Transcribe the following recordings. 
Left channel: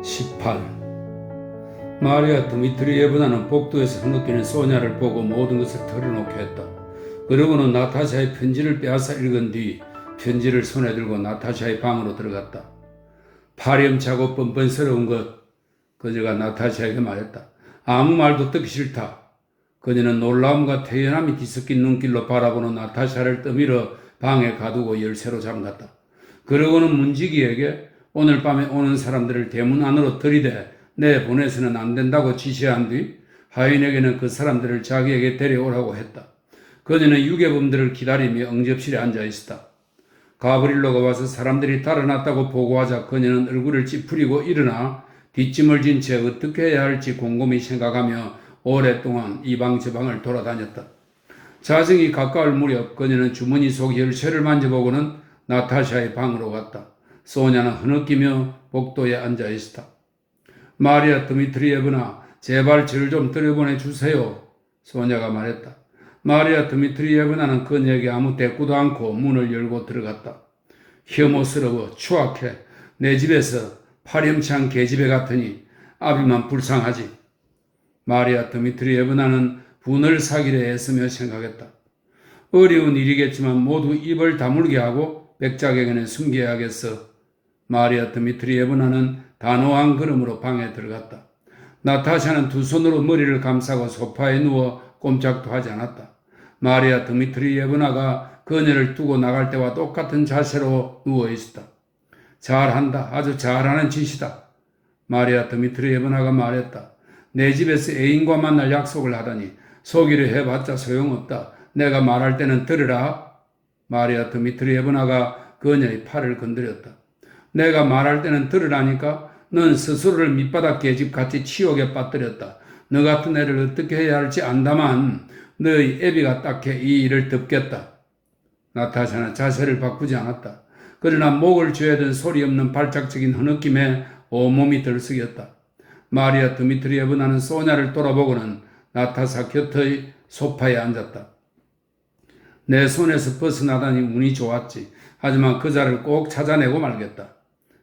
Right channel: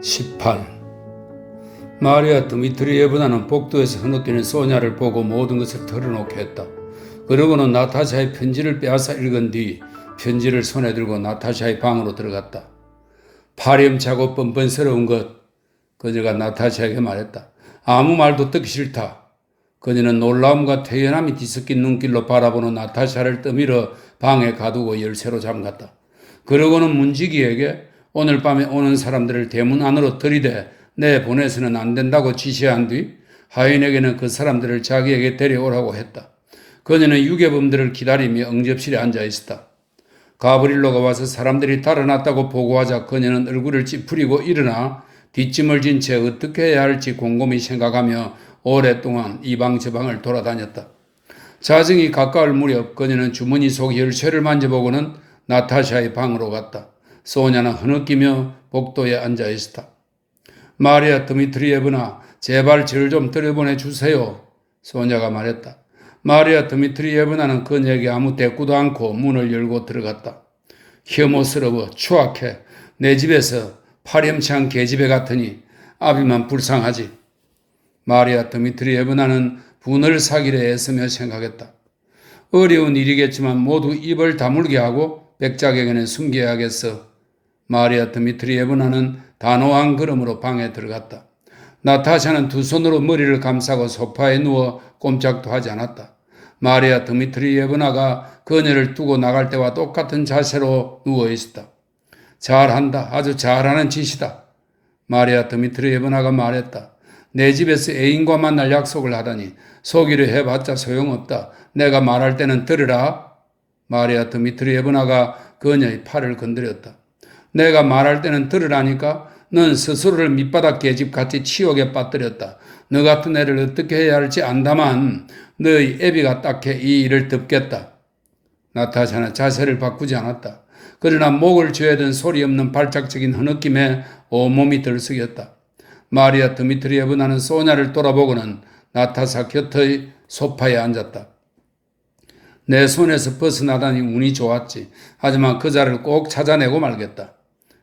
18. 마리아 드미트리예브나는 복도에서 흐느끼는 소냐를 보고 모든 것을 털어놓게 했다. 그러고는 나타샤의 편지를 빼앗아 읽은 뒤 편지를 손에 들고 나타샤의 방으로 들어갔다. 파렴차고 뻔뻔스러운 것, 그녀가 나타샤에게 말했다. 아무 말도 듣기 싫다. 그녀는 놀라움과 태연함이 뒤섞인 눈길로 바라보는 나타샤를 떠밀어 방에 가두고 열쇠로 잠갔다. 그러고는 문지기에게 오늘 밤에 오는 사람들을 대문 안으로 들이대 내보내서는 안 된다고 지시한 뒤 하인에게는 그 사람들을 자기에게 데려오라고 했다. 그녀는 유괴범들을 기다리며 응접실에 앉아 있었다. 가브릴로가 와서 사람들이 달아났다고 보고하자 그녀는 얼굴을 찌푸리고 일어나 뒷짐을 진 채 어떻게 해야 할지 곰곰이 생각하며 오랫동안 이 방 저 방을 돌아다녔다. 자정이 가까울 무렵 그녀는 주머니 속 열쇠를 만져보고는 나타샤의 방으로 갔다. 소냐는 흐느끼며 복도에 앉아 있었다. 마리아 드미트리예브나, 제발 저를 좀 들여보내 주세요. 소냐가 말했다. 마리아 드미트리예브나는 그녀에게 아무 대꾸도 않고 문을 열고 들어갔다. 혐오스러워, 추악해. 내 집에서 파렴치한 계집애 같으니 아비만 불쌍하지. 마리아 드미트리예브나는 분을 사기려 애쓰며 생각했다. 어려운 일이겠지만 모두 입을 다물게 하고 백작에게는 숨겨야겠어. 마리아 드미트리예브나는 단호한 걸음으로 방에 들어갔다. 나타샤는 두 손으로 머리를 감싸고 소파에 누워 꼼짝도 하지 않았다. 마리아 드미트리예브나가 그녀를 두고 나갈 때와 똑같은 자세로 누워 있었다. 잘한다. 아주 잘하는 짓이다. 마리아 드미트리예브나가 말했다. 내 집에서 애인과 만날 약속을 하다니 속이려 해봤자 소용없다. 내가 말할 때는 들으라. 마리아 드미트리예브나가 그녀의 팔을 건드렸다. 내가 말할 때는 들으라니까. 넌 스스로를 밑바닥 계집같이 치욕에 빠뜨렸다. 너 같은 애를 어떻게 해야 할지 안다만 너의 애비가 딱해 이 일을 덮겠다. 나타샤는 자세를 바꾸지 않았다. 그러나 목을 조여든 소리 없는 발작적인 흐느낌에 온몸이 들썩였다. 마리아 드미트리예브나는 소냐를 돌아보고는 나타샤 곁의 소파에 앉았다. 내 손에서 벗어나다니 운이 좋았지. 하지만 그자를 꼭 찾아내고 말겠다.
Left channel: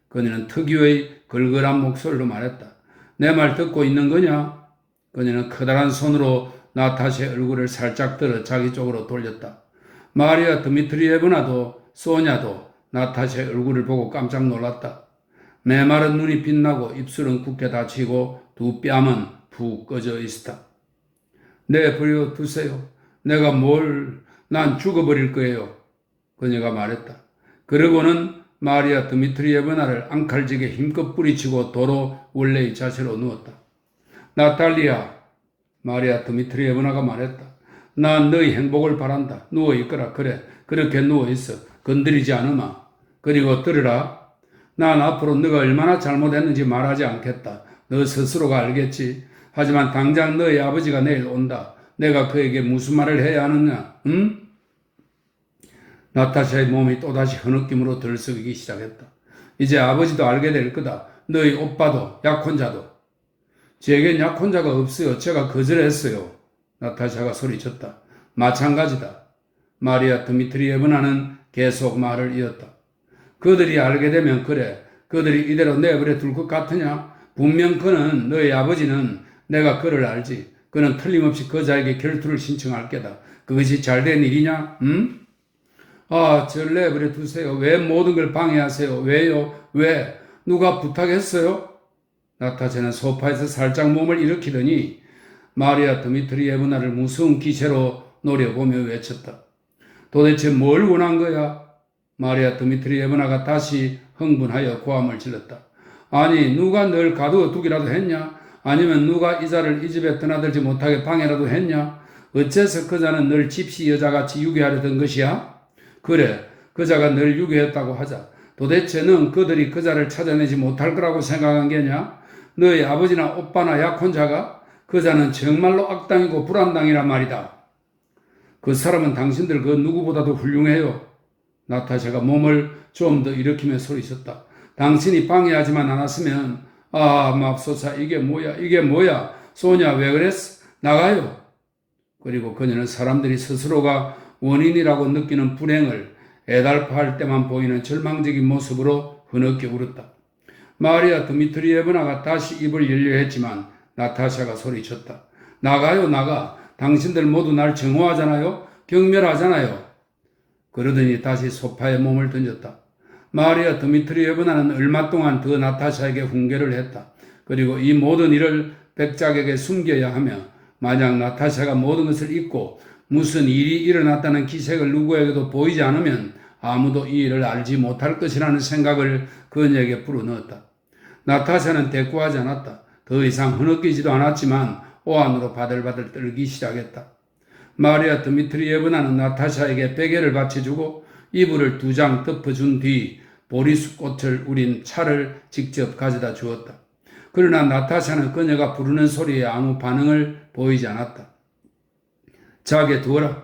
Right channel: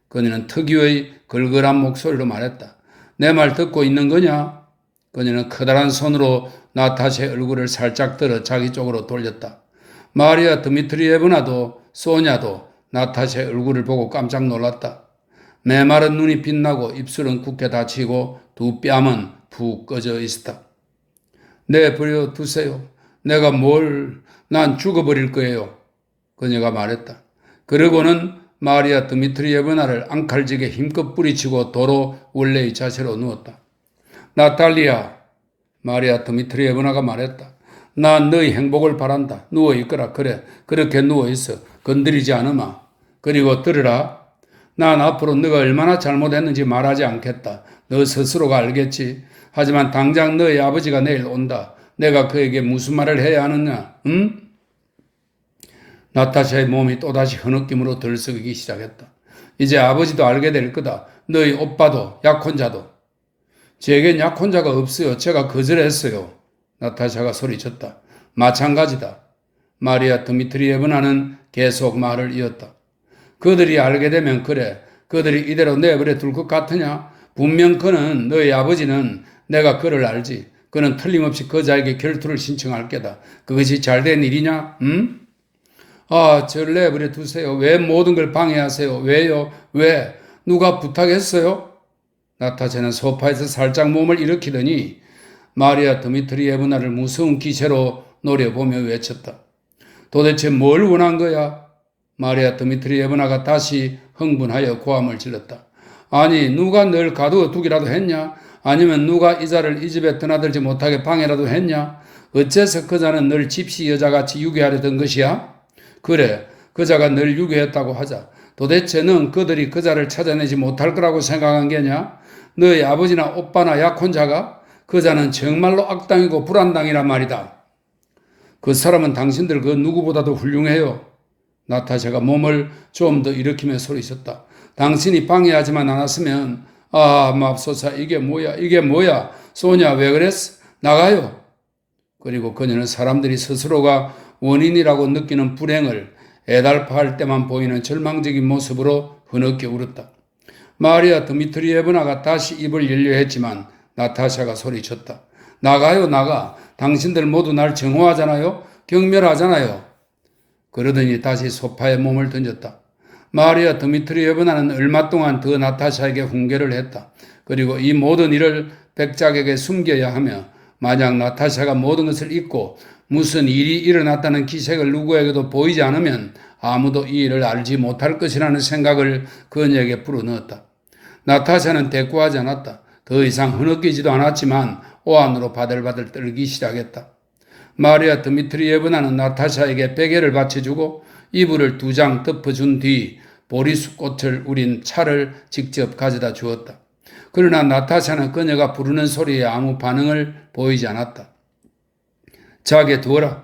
그녀는 특유의 걸걸한 목소리로 말했다. 내 말 듣고 있는 거냐? 그녀는 커다란 손으로 나타샤의 얼굴을 살짝 들어 자기 쪽으로 돌렸다. 마리아 드미트리예브나도 소냐도 나타샤의 얼굴을 보고 깜짝 놀랐다. 메마른 눈이 빛나고 입술은 굳게 닫히고 두 뺨은 푹 꺼져 있었다. 내버려 두세요. 내가 난 죽어버릴 거예요. 그녀가 말했다. 그러고는 마리아 드미트리예브나를 앙칼지게 힘껏 뿌리치고 도로 원래의 자세로 누웠다. 나탈리아, 마리아 드미트리예브나가 말했다. 난 너의 행복을 바란다. 누워있거라. 그래, 그렇게 누워있어. 건드리지 않으마. 그리고 들으라. 난 앞으로 너가 얼마나 잘못했는지 말하지 않겠다. 너 스스로가 알겠지. 하지만 당장 너의 아버지가 내일 온다. 내가 그에게 무슨 말을 해야 하느냐? 응? 나타샤의 몸이 또다시 흐느낌으로 들썩이기 시작했다. 이제 아버지도 알게 될 거다. 너희 오빠도 약혼자도. 제겐 약혼자가 없어요. 제가 거절했어요. 나타샤가 소리쳤다. 마찬가지다. 마리아 드미트리예브나는 계속 말을 이었다. 그들이 알게 되면 그래. 그들이 이대로 내버려 둘 것 같으냐? 분명 그는 너희 아버지는 내가 그를 알지. 그는 틀림없이 그자에게 결투를 신청할 게다. 그것이 잘된 일이냐? 응? 절 내버려 두세요. 왜 모든 걸 방해하세요? 왜요? 왜? 누가 부탁했어요? 나타샤는 소파에서 살짝 몸을 일으키더니 마리아 드미트리예브나를 무서운 기세로 노려보며 외쳤다. 도대체 뭘 원한 거야? 마리아 드미트리예브나가 다시 흥분하여 고함을 질렀다. 아니, 누가 널 가두어 두기라도 했냐? 아니면 누가 이자를 이 집에 드나들지 못하게 방해라도 했냐? 어째서 그자는 널 집시 여자같이 유괴하려던 것이야? 그래, 그자가 널 유괴했다고 하자. 도대체 넌 그들이 그자를 찾아내지 못할 거라고 생각한 게냐? 너의 아버지나 오빠나 약혼자가? 그자는 정말로 악당이고 불안당이란 말이다. 그 사람은 당신들 그 누구보다도 훌륭해요. 나타샤가 몸을 좀 더 일으키며 소리쳤다. 당신이 방해하지만 않았으면 맙소사 이게 뭐야 소냐 왜 그랬어? 나가요. 그리고 그녀는 사람들이 스스로가 원인이라고 느끼는 불행을 애달파할 때만 보이는 절망적인 모습으로 흐느껴 울었다. 마리아 드미트리예브나가 다시 입을 열려 했지만 나타샤가 소리쳤다. 나가요, 나가. 당신들 모두 날 증오하잖아요. 경멸하잖아요. 그러더니 다시 소파에 몸을 던졌다. 마리아 드미트리예브나는 얼마 동안 더 나타샤에게 훈계를 했다. 그리고 이 모든 일을 백작에게 숨겨야 하며 만약 나타샤가 모든 것을 잊고 무슨 일이 일어났다는 기색을 누구에게도 보이지 않으면 아무도 이 일을 알지 못할 것이라는 생각을 그녀에게 불어넣었다. 나타샤는 대꾸하지 않았다. 더 이상 흐느끼지도 않았지만 오한으로 바들바들 떨기 시작했다. 마리아 드미트리예브나는 나타샤에게 베개를 받쳐주고 이불을 2장 덮어준 뒤 보리수꽃을 우린 차를 직접 가져다 주었다. 그러나 나타샤는 그녀가 부르는 소리에 아무 반응을 보이지 않았다. 자게 두어라.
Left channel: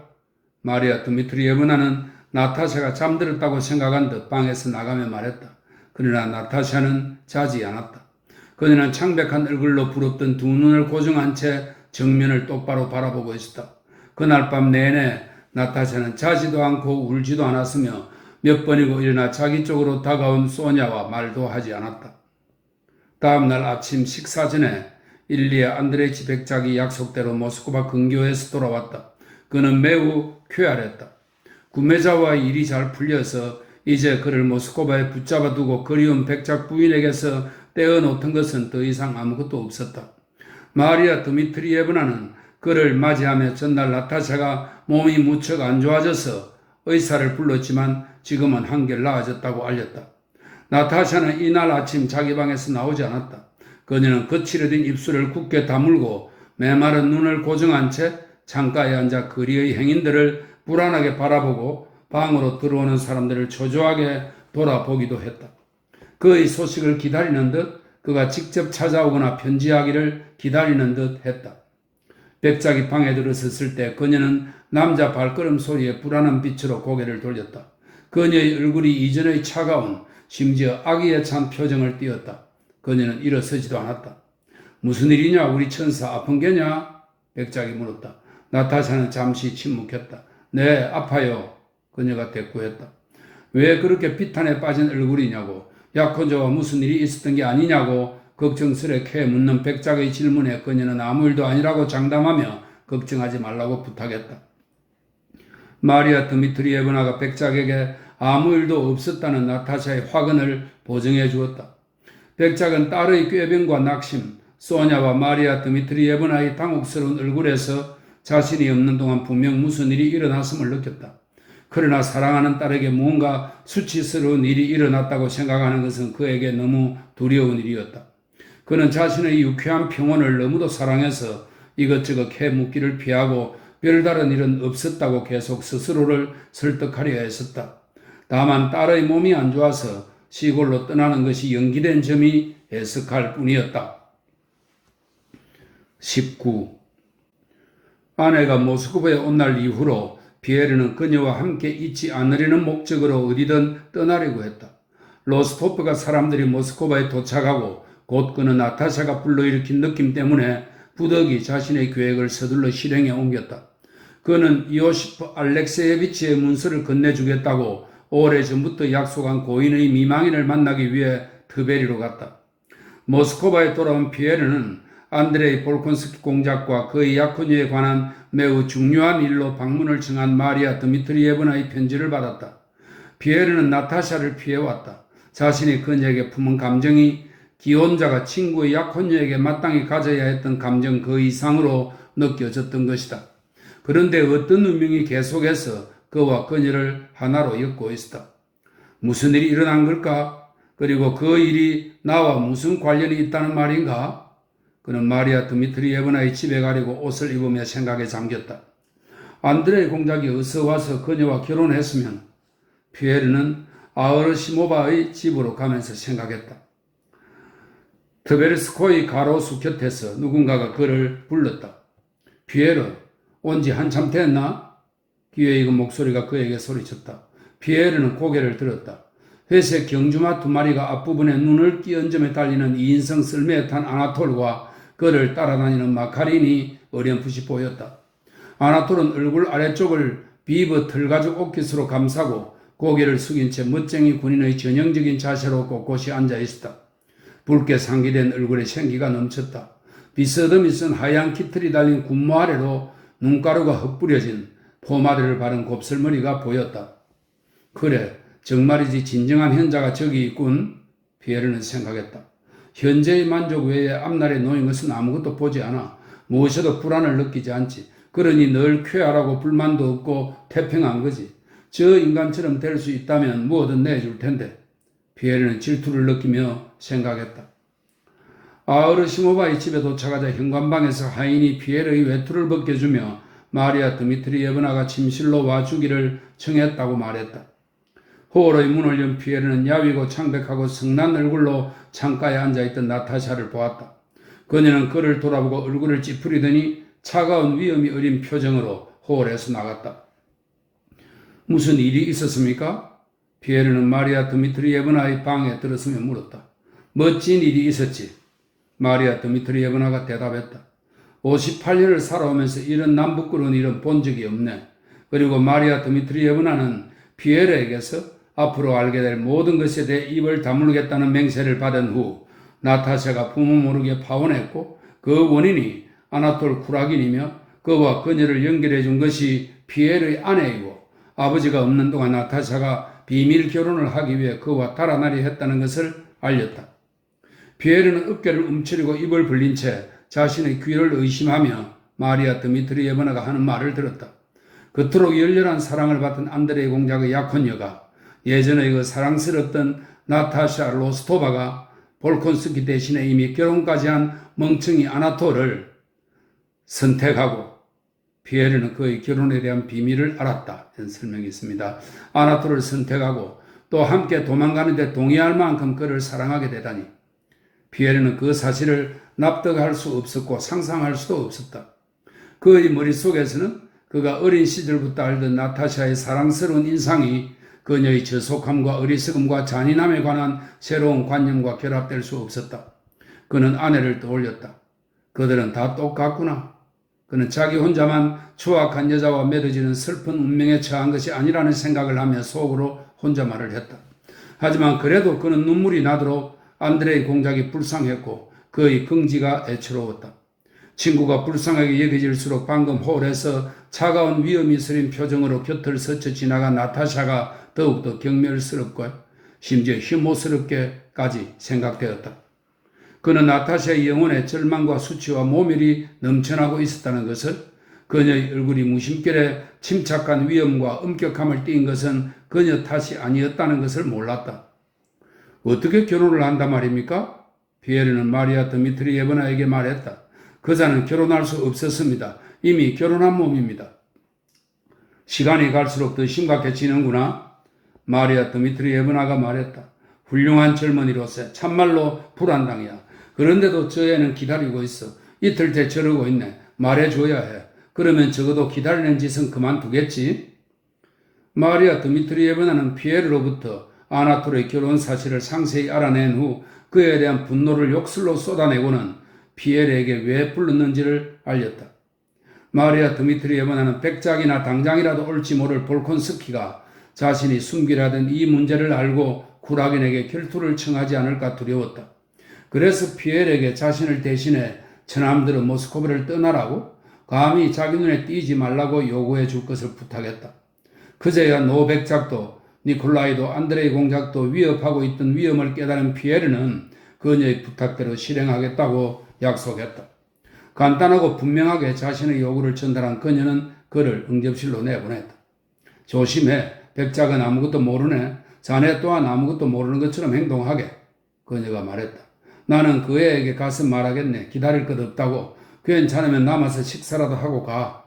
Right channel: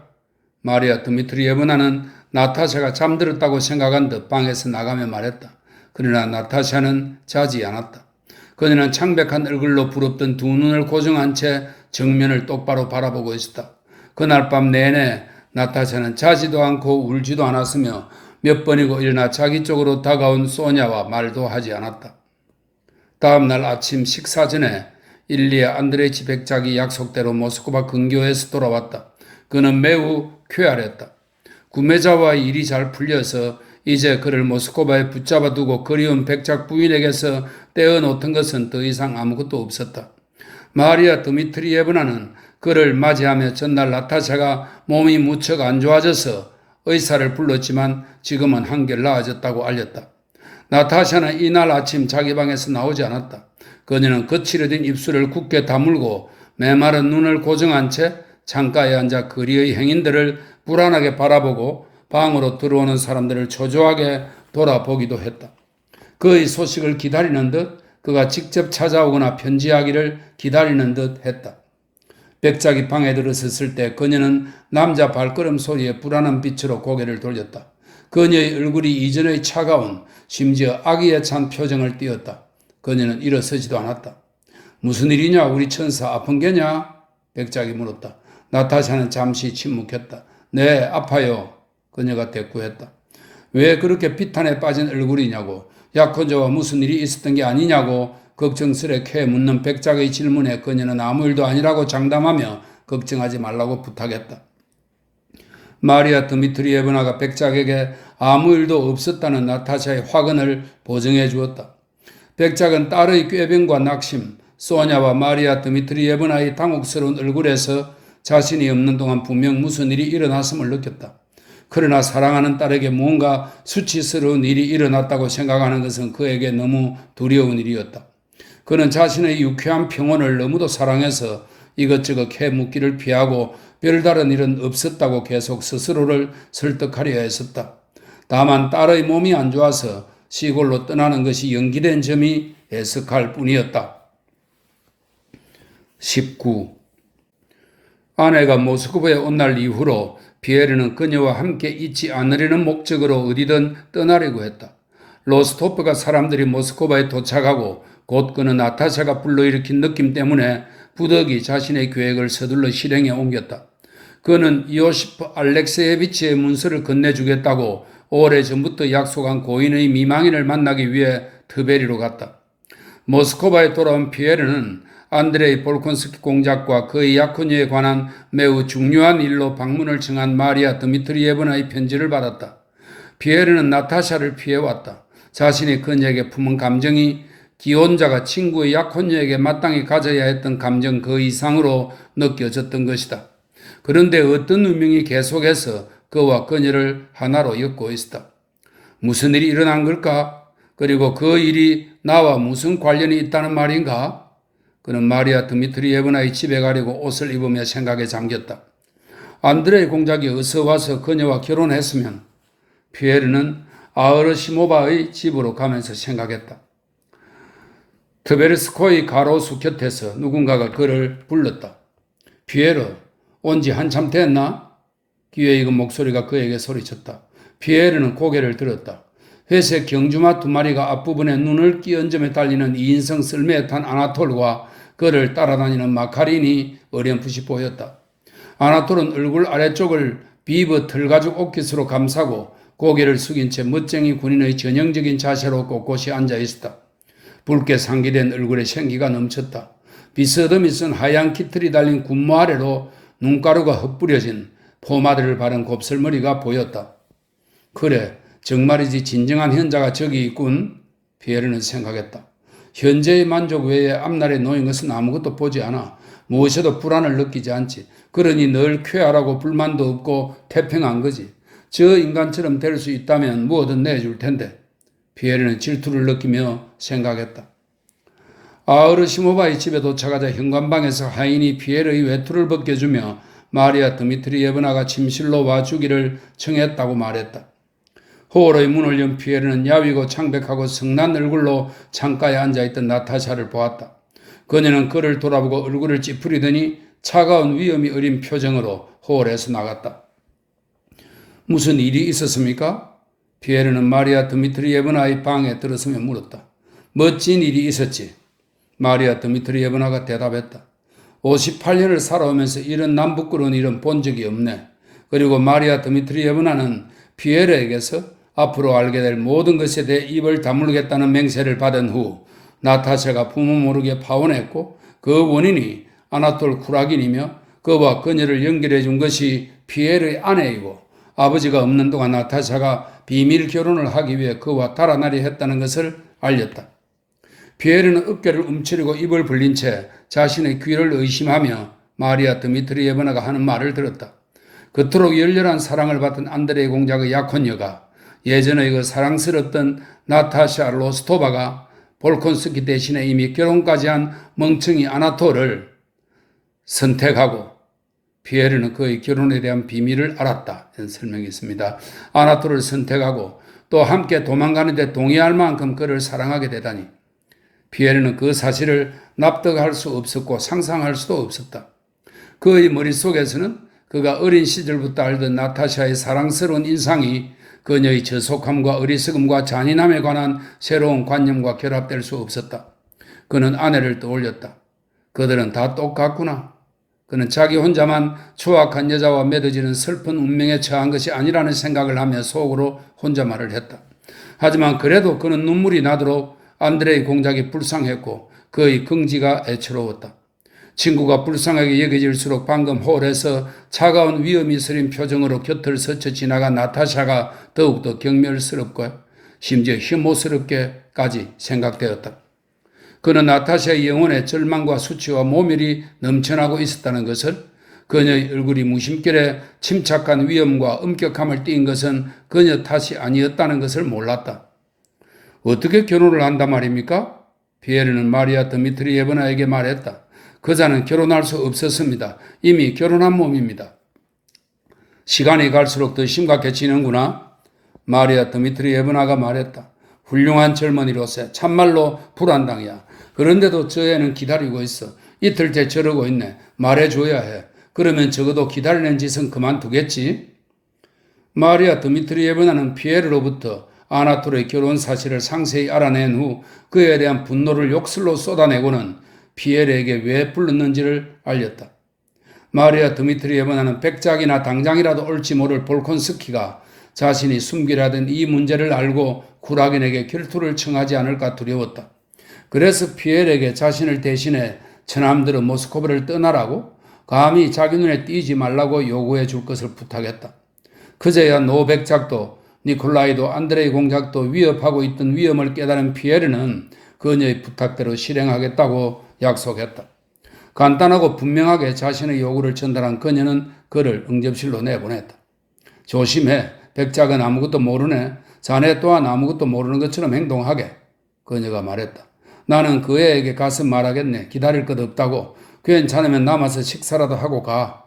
마리아 드미트리예브나는 나타샤가 잠들었다고 생각한 듯 방에서 나가며 말했다. 그러나 나타샤는 자지 않았다. 그녀는 창백한 얼굴로 부릅뜬 2눈을 고정한 채 정면을 똑바로 바라보고 있었다. 그날 밤 내내 나타샤는 자지도 않고 울지도 않았으며 몇 번이고 일어나 자기 쪽으로 다가온 소냐와 말도 하지 않았다. 다음 날 아침 식사 전에 일리아 안드레이치 백작이 약속대로 모스크바 근교에서 돌아왔다. 그는 매우 쾌활했다. 구매자와의 일이 잘 풀려서 이제 그를 모스크바에 붙잡아 두고 그리운 백작 부인에게서 떼어놓던 것은 더 이상 아무것도 없었다. 마리아 드미트리예브나는 그를 맞이하며 전날 나타샤가 몸이 무척 안 좋아져서 의사를 불렀지만 지금은 한결 나아졌다고 알렸다. 나타샤는 이날 아침 자기 방에서 나오지 않았다. 그녀는 거칠어진 입술을 굳게 다물고 메마른 눈을 고정한 채 창가에 앉아 거리의 행인들을 불안하게 바라보고 방으로 들어오는 사람들을 초조하게 돌아보기도 했다. 그의 소식을 기다리는 듯 그가 직접 찾아오거나 편지하기를 기다리는 듯 했다. 백작이 방에 들어섰을 때 그녀는 남자 발걸음 소리에 불안한 빛으로 고개를 돌렸다. 그녀의 얼굴이 이전의 차가운 심지어 악의에 찬 표정을 띄었다. 그녀는 일어서지도 않았다. 무슨 일이냐 우리 천사 아픈 게냐? 백작이 물었다. 나타샤는 잠시 침묵했다. 네 아파요. 그녀가 대꾸했다. 왜 그렇게 비탄에 빠진 얼굴이냐고 약혼자와 무슨 일이 있었던 게 아니냐고 걱정스레 묻는 백작의 질문에 그녀는 아무 일도 아니라고 장담하며 걱정하지 말라고 부탁했다. 마리아 드미트리예브나가 백작에게 아무 일도 없었다는 나타샤의 화근을 보증해 주었다. 백작은 딸의 꾀병과 낙심, 소냐와 마리아 드미트리예브나의 당혹스러운 얼굴에서 자신이 없는 동안 분명 무슨 일이 일어났음을 느꼈다. 그러나 사랑하는 딸에게 무언가 수치스러운 일이 일어났다고 생각하는 것은 그에게 너무 두려운 일이었다. 그는 자신의 유쾌한 평온을 너무도 사랑해서 이것저것 해묻기를 피하고 별다른 일은 없었다고 계속 스스로를 설득하려 했었다. 다만 딸의 몸이 안 좋아서 시골로 떠나는 것이 연기된 점이 애석할 뿐이었다. 19. 아내가 모스크바에 온 날 이후로 피에르는 그녀와 함께 있지 않으려는 목적으로 어디든 떠나려고 했다. 로스토프가 사람들이 모스크바에 도착하고 곧 그는 나타샤가 불러일으킨 느낌 때문에 부득이 자신의 계획을 서둘러 실행에 옮겼다. 그는 이오시프 알렉세예비치의 문서를 건네주겠다고 오래전부터 약속한 고인의 미망인을 만나기 위해 트베리로 갔다. 모스크바에 돌아온 피에르는 안드레이 볼콘스키 공작과 그의 약혼녀에 관한 매우 중요한 일로 방문을 청한 마리아 드미트리예브나의 편지를 받았다. 피에르는 나타샤를 피해왔다. 자신이 그녀에게 품은 감정이 기혼자가 친구의 약혼녀에게 마땅히 가져야 했던 감정 그 이상으로 느껴졌던 것이다. 그런데 어떤 운명이 계속해서 그와 그녀를 하나로 엮고 있었다. 무슨 일이 일어난 걸까? 그리고 그 일이 나와 무슨 관련이 있다는 말인가? 그는 마리아 드미트리예브나의 집에 가려고 옷을 입으며 생각에 잠겼다. 안드레이 공작이 어서 와서 그녀와 결혼했으면 피에르는 아으르시모바의 집으로 가면서 생각했다. 트베르스코의 가로수 곁에서 누군가가 그를 불렀다. 피에르, 온 지 한참 됐나? 귀에 익은 목소리가 그에게 소리쳤다. 피에르는 고개를 들었다. 회색 경주마 2마리가 앞부분에 눈을 끼얹점에 달리는 2인승 썰매에 탄 아나톨과 그를 따라다니는 마카린이 어렴풋이 보였다. 아나톨은 얼굴 아래쪽을 비버 털가죽 옷깃으로 감싸고 고개를 숙인 채 멋쟁이 군인의 전형적인 자세로 꼿꼿이 앉아 있었다. 붉게 상기된 얼굴에 생기가 넘쳤다. 비스듬히 쓴 하얀 깃털이 달린 군무 아래로 눈가루가 흩뿌려진 포마드를 바른 곱슬머리가 보였다. 그래, 정말이지 진정한 현자가 저기 있군. 피에르는 생각했다. 현재의 만족 외에 앞날에 놓인 것은 아무것도 보지 않아. 무엇에도 불안을 느끼지 않지. 그러니 늘 쾌활하고 불만도 없고 태평한 거지. 저 인간처럼 될 수 있다면 무엇든 내줄 텐데. 피에르는 질투를 느끼며 생각했다. 아으르시모바의 집에 도착하자 현관방에서 하인이 피에르의 외투를 벗겨주며 마리아 드미트리예브나가 침실로 와주기를 청했다고 말했다. 호월의 문을 연 피에르는 야위고 창백하고 성난 얼굴로 창가에 앉아있던 나타샤를 보았다. 그녀는 그를 돌아보고 얼굴을 찌푸리더니 차가운 위험이 어린 표정으로 호월에서 나갔다. 무슨 일이 있었습니까? 피에르는 마리아 드미트리예브나의 방에 들어서며 물었다. 멋진 일이 있었지. 마리아 드미트리예브나가 대답했다. 58년을 살아오면서 이런 남부끄러운 일은 본 적이 없네. 그리고 마리아 드미트리예브나는 피에르에게서 앞으로 알게 될 모든 것에 대해 입을 다물겠다는 맹세를 받은 후 나타샤가 부모 모르게 파혼했고 그 원인이 아나톨 쿠라긴이며 그와 그녀를 연결해 준 것이 피에르의 아내이고 아버지가 없는 동안 나타샤가 비밀 결혼을 하기 위해 그와 달아나려 했다는 것을 알렸다. 피에르는 어깨를 움츠리고 입을 벌린 채 자신의 귀를 의심하며 마리아 드미트리예브나가 하는 말을 들었다. 그토록 열렬한 사랑을 받던 안드레이 공작의 약혼녀가 예전의 그 사랑스럽던 나타샤 로스토바가 볼콘스키 대신에 이미 결혼까지 한 멍청이 아나톨을 선택하고 피에르는 그의 결혼에 대한 비밀을 알았다. 이런 설명이 있습니다. 아나톨을 선택하고 또 함께 도망가는데 동의할 만큼 그를 사랑하게 되다니 피에르는 그 사실을 납득할 수 없었고 상상할 수도 없었다. 그의 머릿속에서는 그가 어린 시절부터 알던 나타샤의 사랑스러운 인상이 그녀의 저속함과 어리석음과 잔인함에 관한 새로운 관념과 결합될 수 없었다. 그는 아내를 떠올렸다. 그들은 다 똑같구나. 그는 자기 혼자만 추악한 여자와 맺어지는 슬픈 운명에 처한 것이 아니라는 생각을 하며 속으로 혼자 말을 했다. 하지만 그래도 그는 눈물이 나도록 안드레이 공작이 불쌍했고 그의 긍지가 애처로웠다. 친구가 불쌍하게 여겨질수록 방금 홀에서 차가운 위험이 서린 표정으로 곁을 스쳐 지나간 나타샤가 더욱더 경멸스럽고 심지어 혐오스럽게까지 생각되었다. 그는 나타샤의 영혼에 절망과 수치와 모멸이 넘쳐나고 있었다는 것을, 그녀의 얼굴이 무심결에 침착한 위험과 엄격함을 띠인 것은 그녀 탓이 아니었다는 것을 몰랐다. 어떻게 결혼을 한단 말입니까? 피에르는 마리아 드미트리예브나에게 말했다. 그자는 결혼할 수 없었습니다. 이미 결혼한 몸입니다. 시간이 갈수록 더 심각해지는구나. 마리아 드미트리예브나가 말했다. 훌륭한 젊은이로서 참말로 불안당이야. 그런데도 저 애는 기다리고 있어. 이틀째 저러고 있네. 말해줘야 해. 그러면 적어도 기다리는 짓은 그만두겠지. 마리아 드미트리예브나는 피에르로부터 아나톨의 결혼 사실을 상세히 알아낸 후 그에 대한 분노를 욕설로 쏟아내고는 피에르에게 왜 불렀는지를 알렸다. 마리아 드미트리예브나는 백작이나 당장이라도 올지 모를 볼콘스키가 자신이 숨기려던 이 문제를 알고 쿠라긴에게 결투를 청하지 않을까 두려웠다. 그래서 피에르에게 자신을 대신해 처남들은 모스코바를 떠나라고 감히 자기 눈에 띄지 말라고 요구해 줄 것을 부탁했다. 그제야 노백작도 니콜라이도 안드레이 공작도 위협하고 있던 위험을 깨달은 피에르는 그녀의 부탁대로 실행하겠다고 약속했다. 간단하고 분명하게 자신의 요구를 전달한 그녀는 그를 응접실로 내보냈다. 조심해. 백작은 아무것도 모르네. 자네 또한 아무것도 모르는 것처럼 행동하게. 그녀가 말했다. 나는 그 애에게 가서 말하겠네. 기다릴 것 없다고. 괜찮으면 남아서 식사라도 하고 가.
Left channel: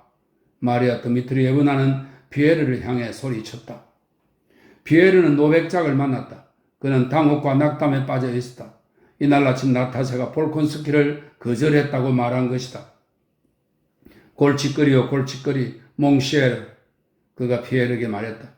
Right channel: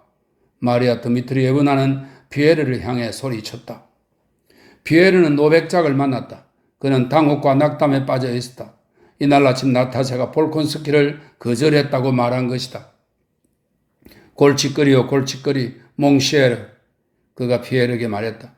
마리아 드미트리예브나는 피에르를 향해 소리쳤다. 피에르는 노백작을 만났다. 그는 당혹과 낙담에 빠져 있었다. 이날 아침 나타샤가 볼콘스키를 거절했다고 말한 것이다. 골칫거리요 골칫거리 몽쉐르. 그가 피에르에게 말했다.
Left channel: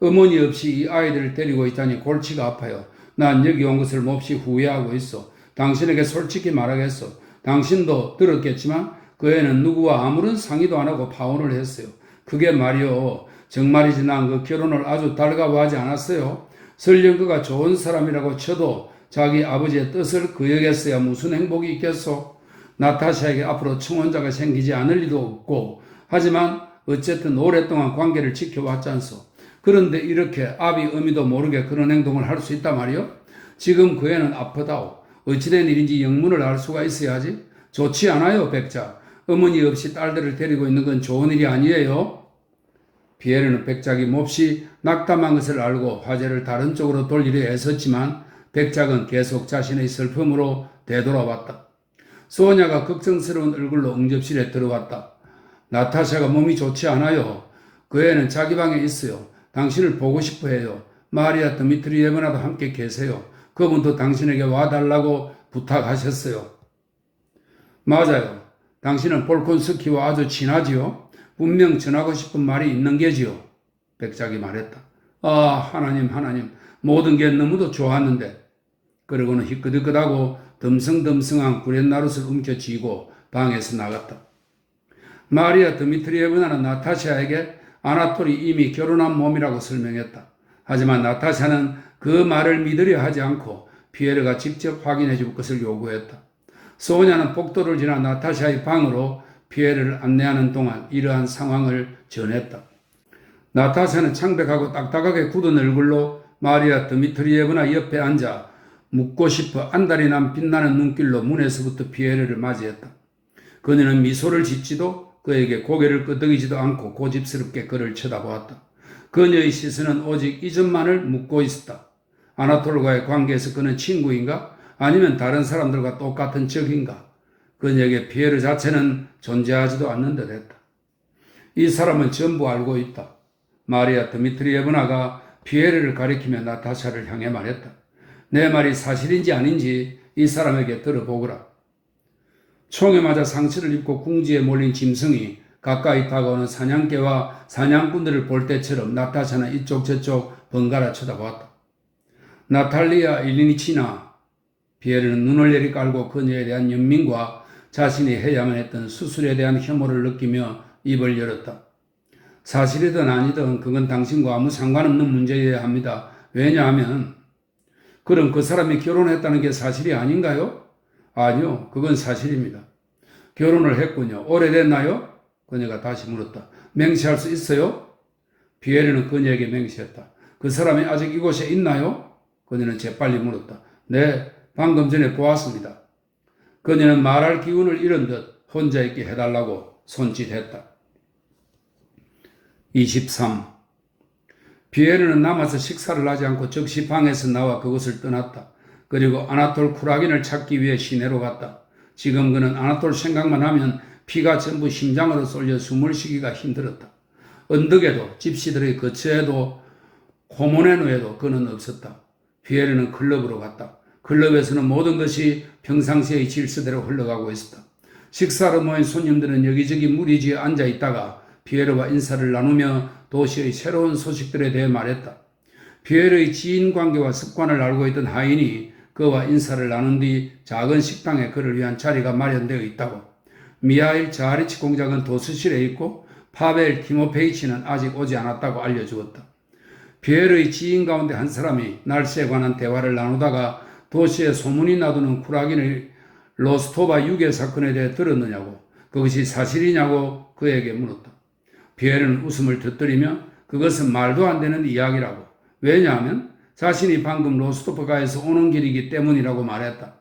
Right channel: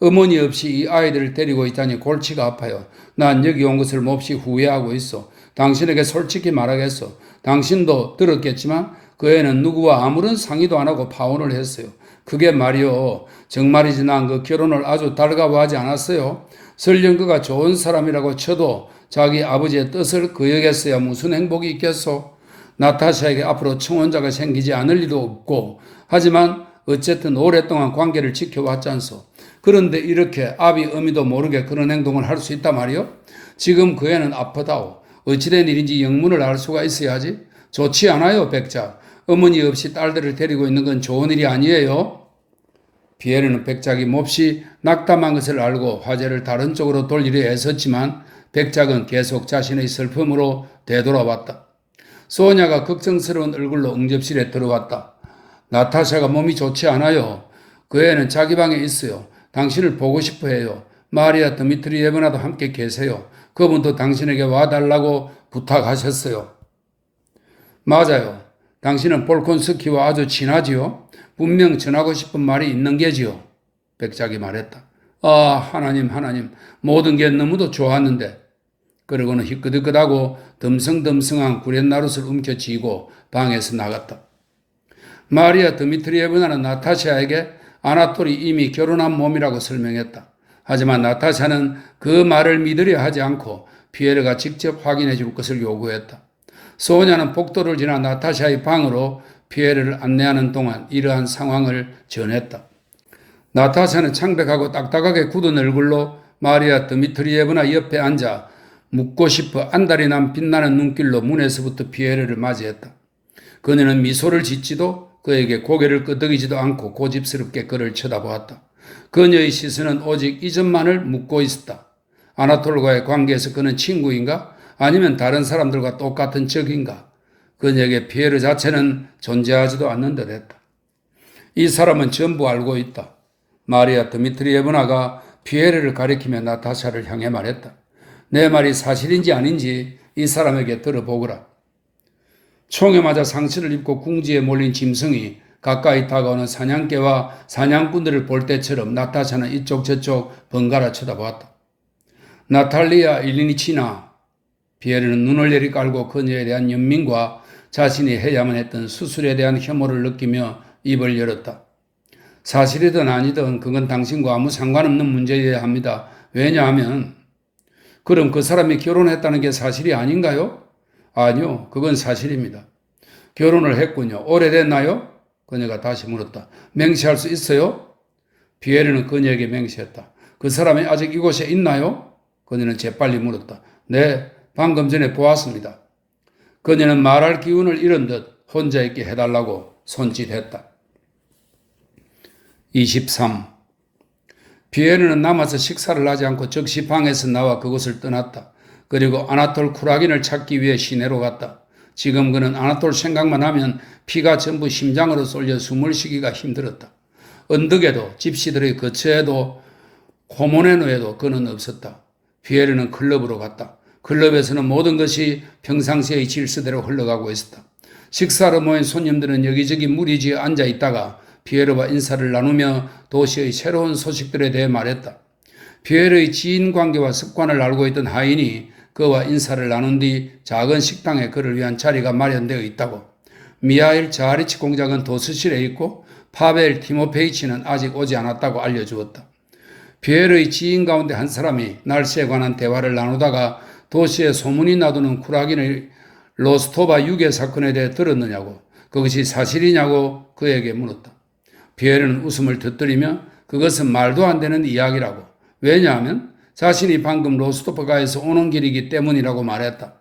어머니 없이 이 아이들을 데리고 있다니 골치가 아파요. 난 여기 온 것을 몹시 후회하고 있어. 당신에게 솔직히 말하겠어. 당신도 들었겠지만 그 애는 누구와 아무런 상의도 안 하고 파혼을 했어요. 그게 말이요. 정말이지 난 그 결혼을 아주 달가워하지 않았어요. 설령 그가 좋은 사람이라고 쳐도 자기 아버지의 뜻을 거역했어야 무슨 행복이 있겠소? 나타샤에게 앞으로 청혼자가 생기지 않을 리도 없고, 하지만 어쨌든 오랫동안 관계를 지켜왔지 않소. 그런데 이렇게 아비 어미도 모르게 그런 행동을 할 수 있단 말이요? 지금 그 애는 아프다오. 어찌된 일인지 영문을 알 수가 있어야지. 좋지 않아요, 백작. 어머니 없이 딸들을 데리고 있는 건 좋은 일이 아니에요. 피에르는 백작이 몹시 낙담한 것을 알고 화제를 다른 쪽으로 돌리려 애썼지만 백작은 계속 자신의 슬픔으로 되돌아왔다. 소냐가 걱정스러운 얼굴로 응접실에 들어왔다. 나타샤가 몸이 좋지 않아요. 그 애는 자기 방에 있어요. 당신을 보고 싶어 해요. 마리아 드미트리예브나도 함께 계세요. 그분도 당신에게 와달라고 부탁하셨어요. 맞아요. 당신은 볼콘스키와 아주 친하지요? 분명 전하고 싶은 말이 있는 게지요. 백작이 말했다. 아, 하나님, 모든 게 너무도 좋았는데. 그러고는 희끄득끄하고 덤성덤성한 구렛나룻을 움켜쥐고 방에서 나갔다. 마리아 드미트리예브나는 나타샤에게 아나톨이 이미 결혼한 몸이라고 설명했다. 하지만 나타샤는 그 말을 믿으려 하지 않고 피에르가 직접 확인해 줄 것을 요구했다. 소냐는 복도를 지나 나타샤의 방으로 피에르를 안내하는 동안 이러한 상황을 전했다. 나타샤는 창백하고 딱딱하게 굳은 얼굴로 마리아 드미트리예브나 옆에 앉아 묻고 싶어 안달이 난 빛나는 눈길로 문에서부터 피에르를 맞이했다. 그녀는 미소를 짓지도 그에게 고개를 끄덕이지도 않고 고집스럽게 그를 쳐다보았다. 그녀의 시선은 오직 이전만을 묻고 있었다. 아나톨과의 관계에서 그는 친구인가? 아니면 다른 사람들과 똑같은 적인가? 그녀에게 피에르 자체는 존재하지도 않는 듯했다. 이 사람은 전부 알고 있다. 마리아 드미트리예브나가 피에르를 가리키며 나타샤를 향해 말했다. 내 말이 사실인지 아닌지 이 사람에게 들어보거라. 총에 맞아 상처를 입고 궁지에 몰린 짐승이 가까이 다가오는 사냥개와 사냥꾼들을 볼 때처럼 나타샤는 이쪽 저쪽 번갈아 쳐다보았다. 나탈리아 일리니치나. 피에르는 눈을 내리깔고 그녀에 대한 연민과 자신이 해야만 했던 수술에 대한 혐오를 느끼며 입을 열었다. 사실이든 아니든 그건 당신과 아무 상관없는 문제여야 합니다. 왜냐하면 그럼 그 사람이 결혼했다는 게 사실이 아닌가요? 아니요, 그건 사실입니다. 결혼을 했군요. 오래됐나요? 그녀가 다시 물었다. 맹세할 수 있어요? 피에르는 그녀에게 맹세했다. 그 사람이 아직 이곳에 있나요? 그녀는 재빨리 물었다. 네, 방금 전에 보았습니다. 그녀는 말할 기운을 잃은 듯 혼자 있게 해달라고 손짓했다. 23. 피에르는 남아서 식사를 하지 않고 즉시 방에서 나와 그곳을 떠났다. 그리고 아나톨 쿠라긴을 찾기 위해 시내로 갔다. 지금 그는 아나톨 생각만 하면 피가 전부 심장으로 쏠려 숨을 쉬기가 힘들었다. 언덕에도 집시들의 거처에도 코모네노에도 그는 없었다. 피에르는 클럽으로 갔다. 클럽에서는 모든 것이 평상시의 질서대로 흘러가고 있었다. 식사로 모인 손님들은 여기저기 무리지어 앉아 있다가 피에르와 인사를 나누며 도시의 새로운 소식들에 대해 말했다. 피에르의 지인 관계와 습관을 알고 있던 하인이 그와 인사를 나눈 뒤 작은 식당에 그를 위한 자리가 마련되어 있다고. 미하일 자리치 공작은 도서실에 있고 파벨 티모페이치는 아직 오지 않았다고 알려주었다. 피에르의 지인 가운데 한 사람이 날씨에 관한 대화를 나누다가 도시에 소문이 나도는 쿠라긴의 로스토바 유괴 사건에 대해 들었느냐고, 그것이 사실이냐고 그에게 물었다. 피에르는 웃음을 터뜨리며 그것은 말도 안 되는 이야기라고. 왜냐하면 자신이 방금 로스토프가에서 오는 길이기 때문이라고 말했다.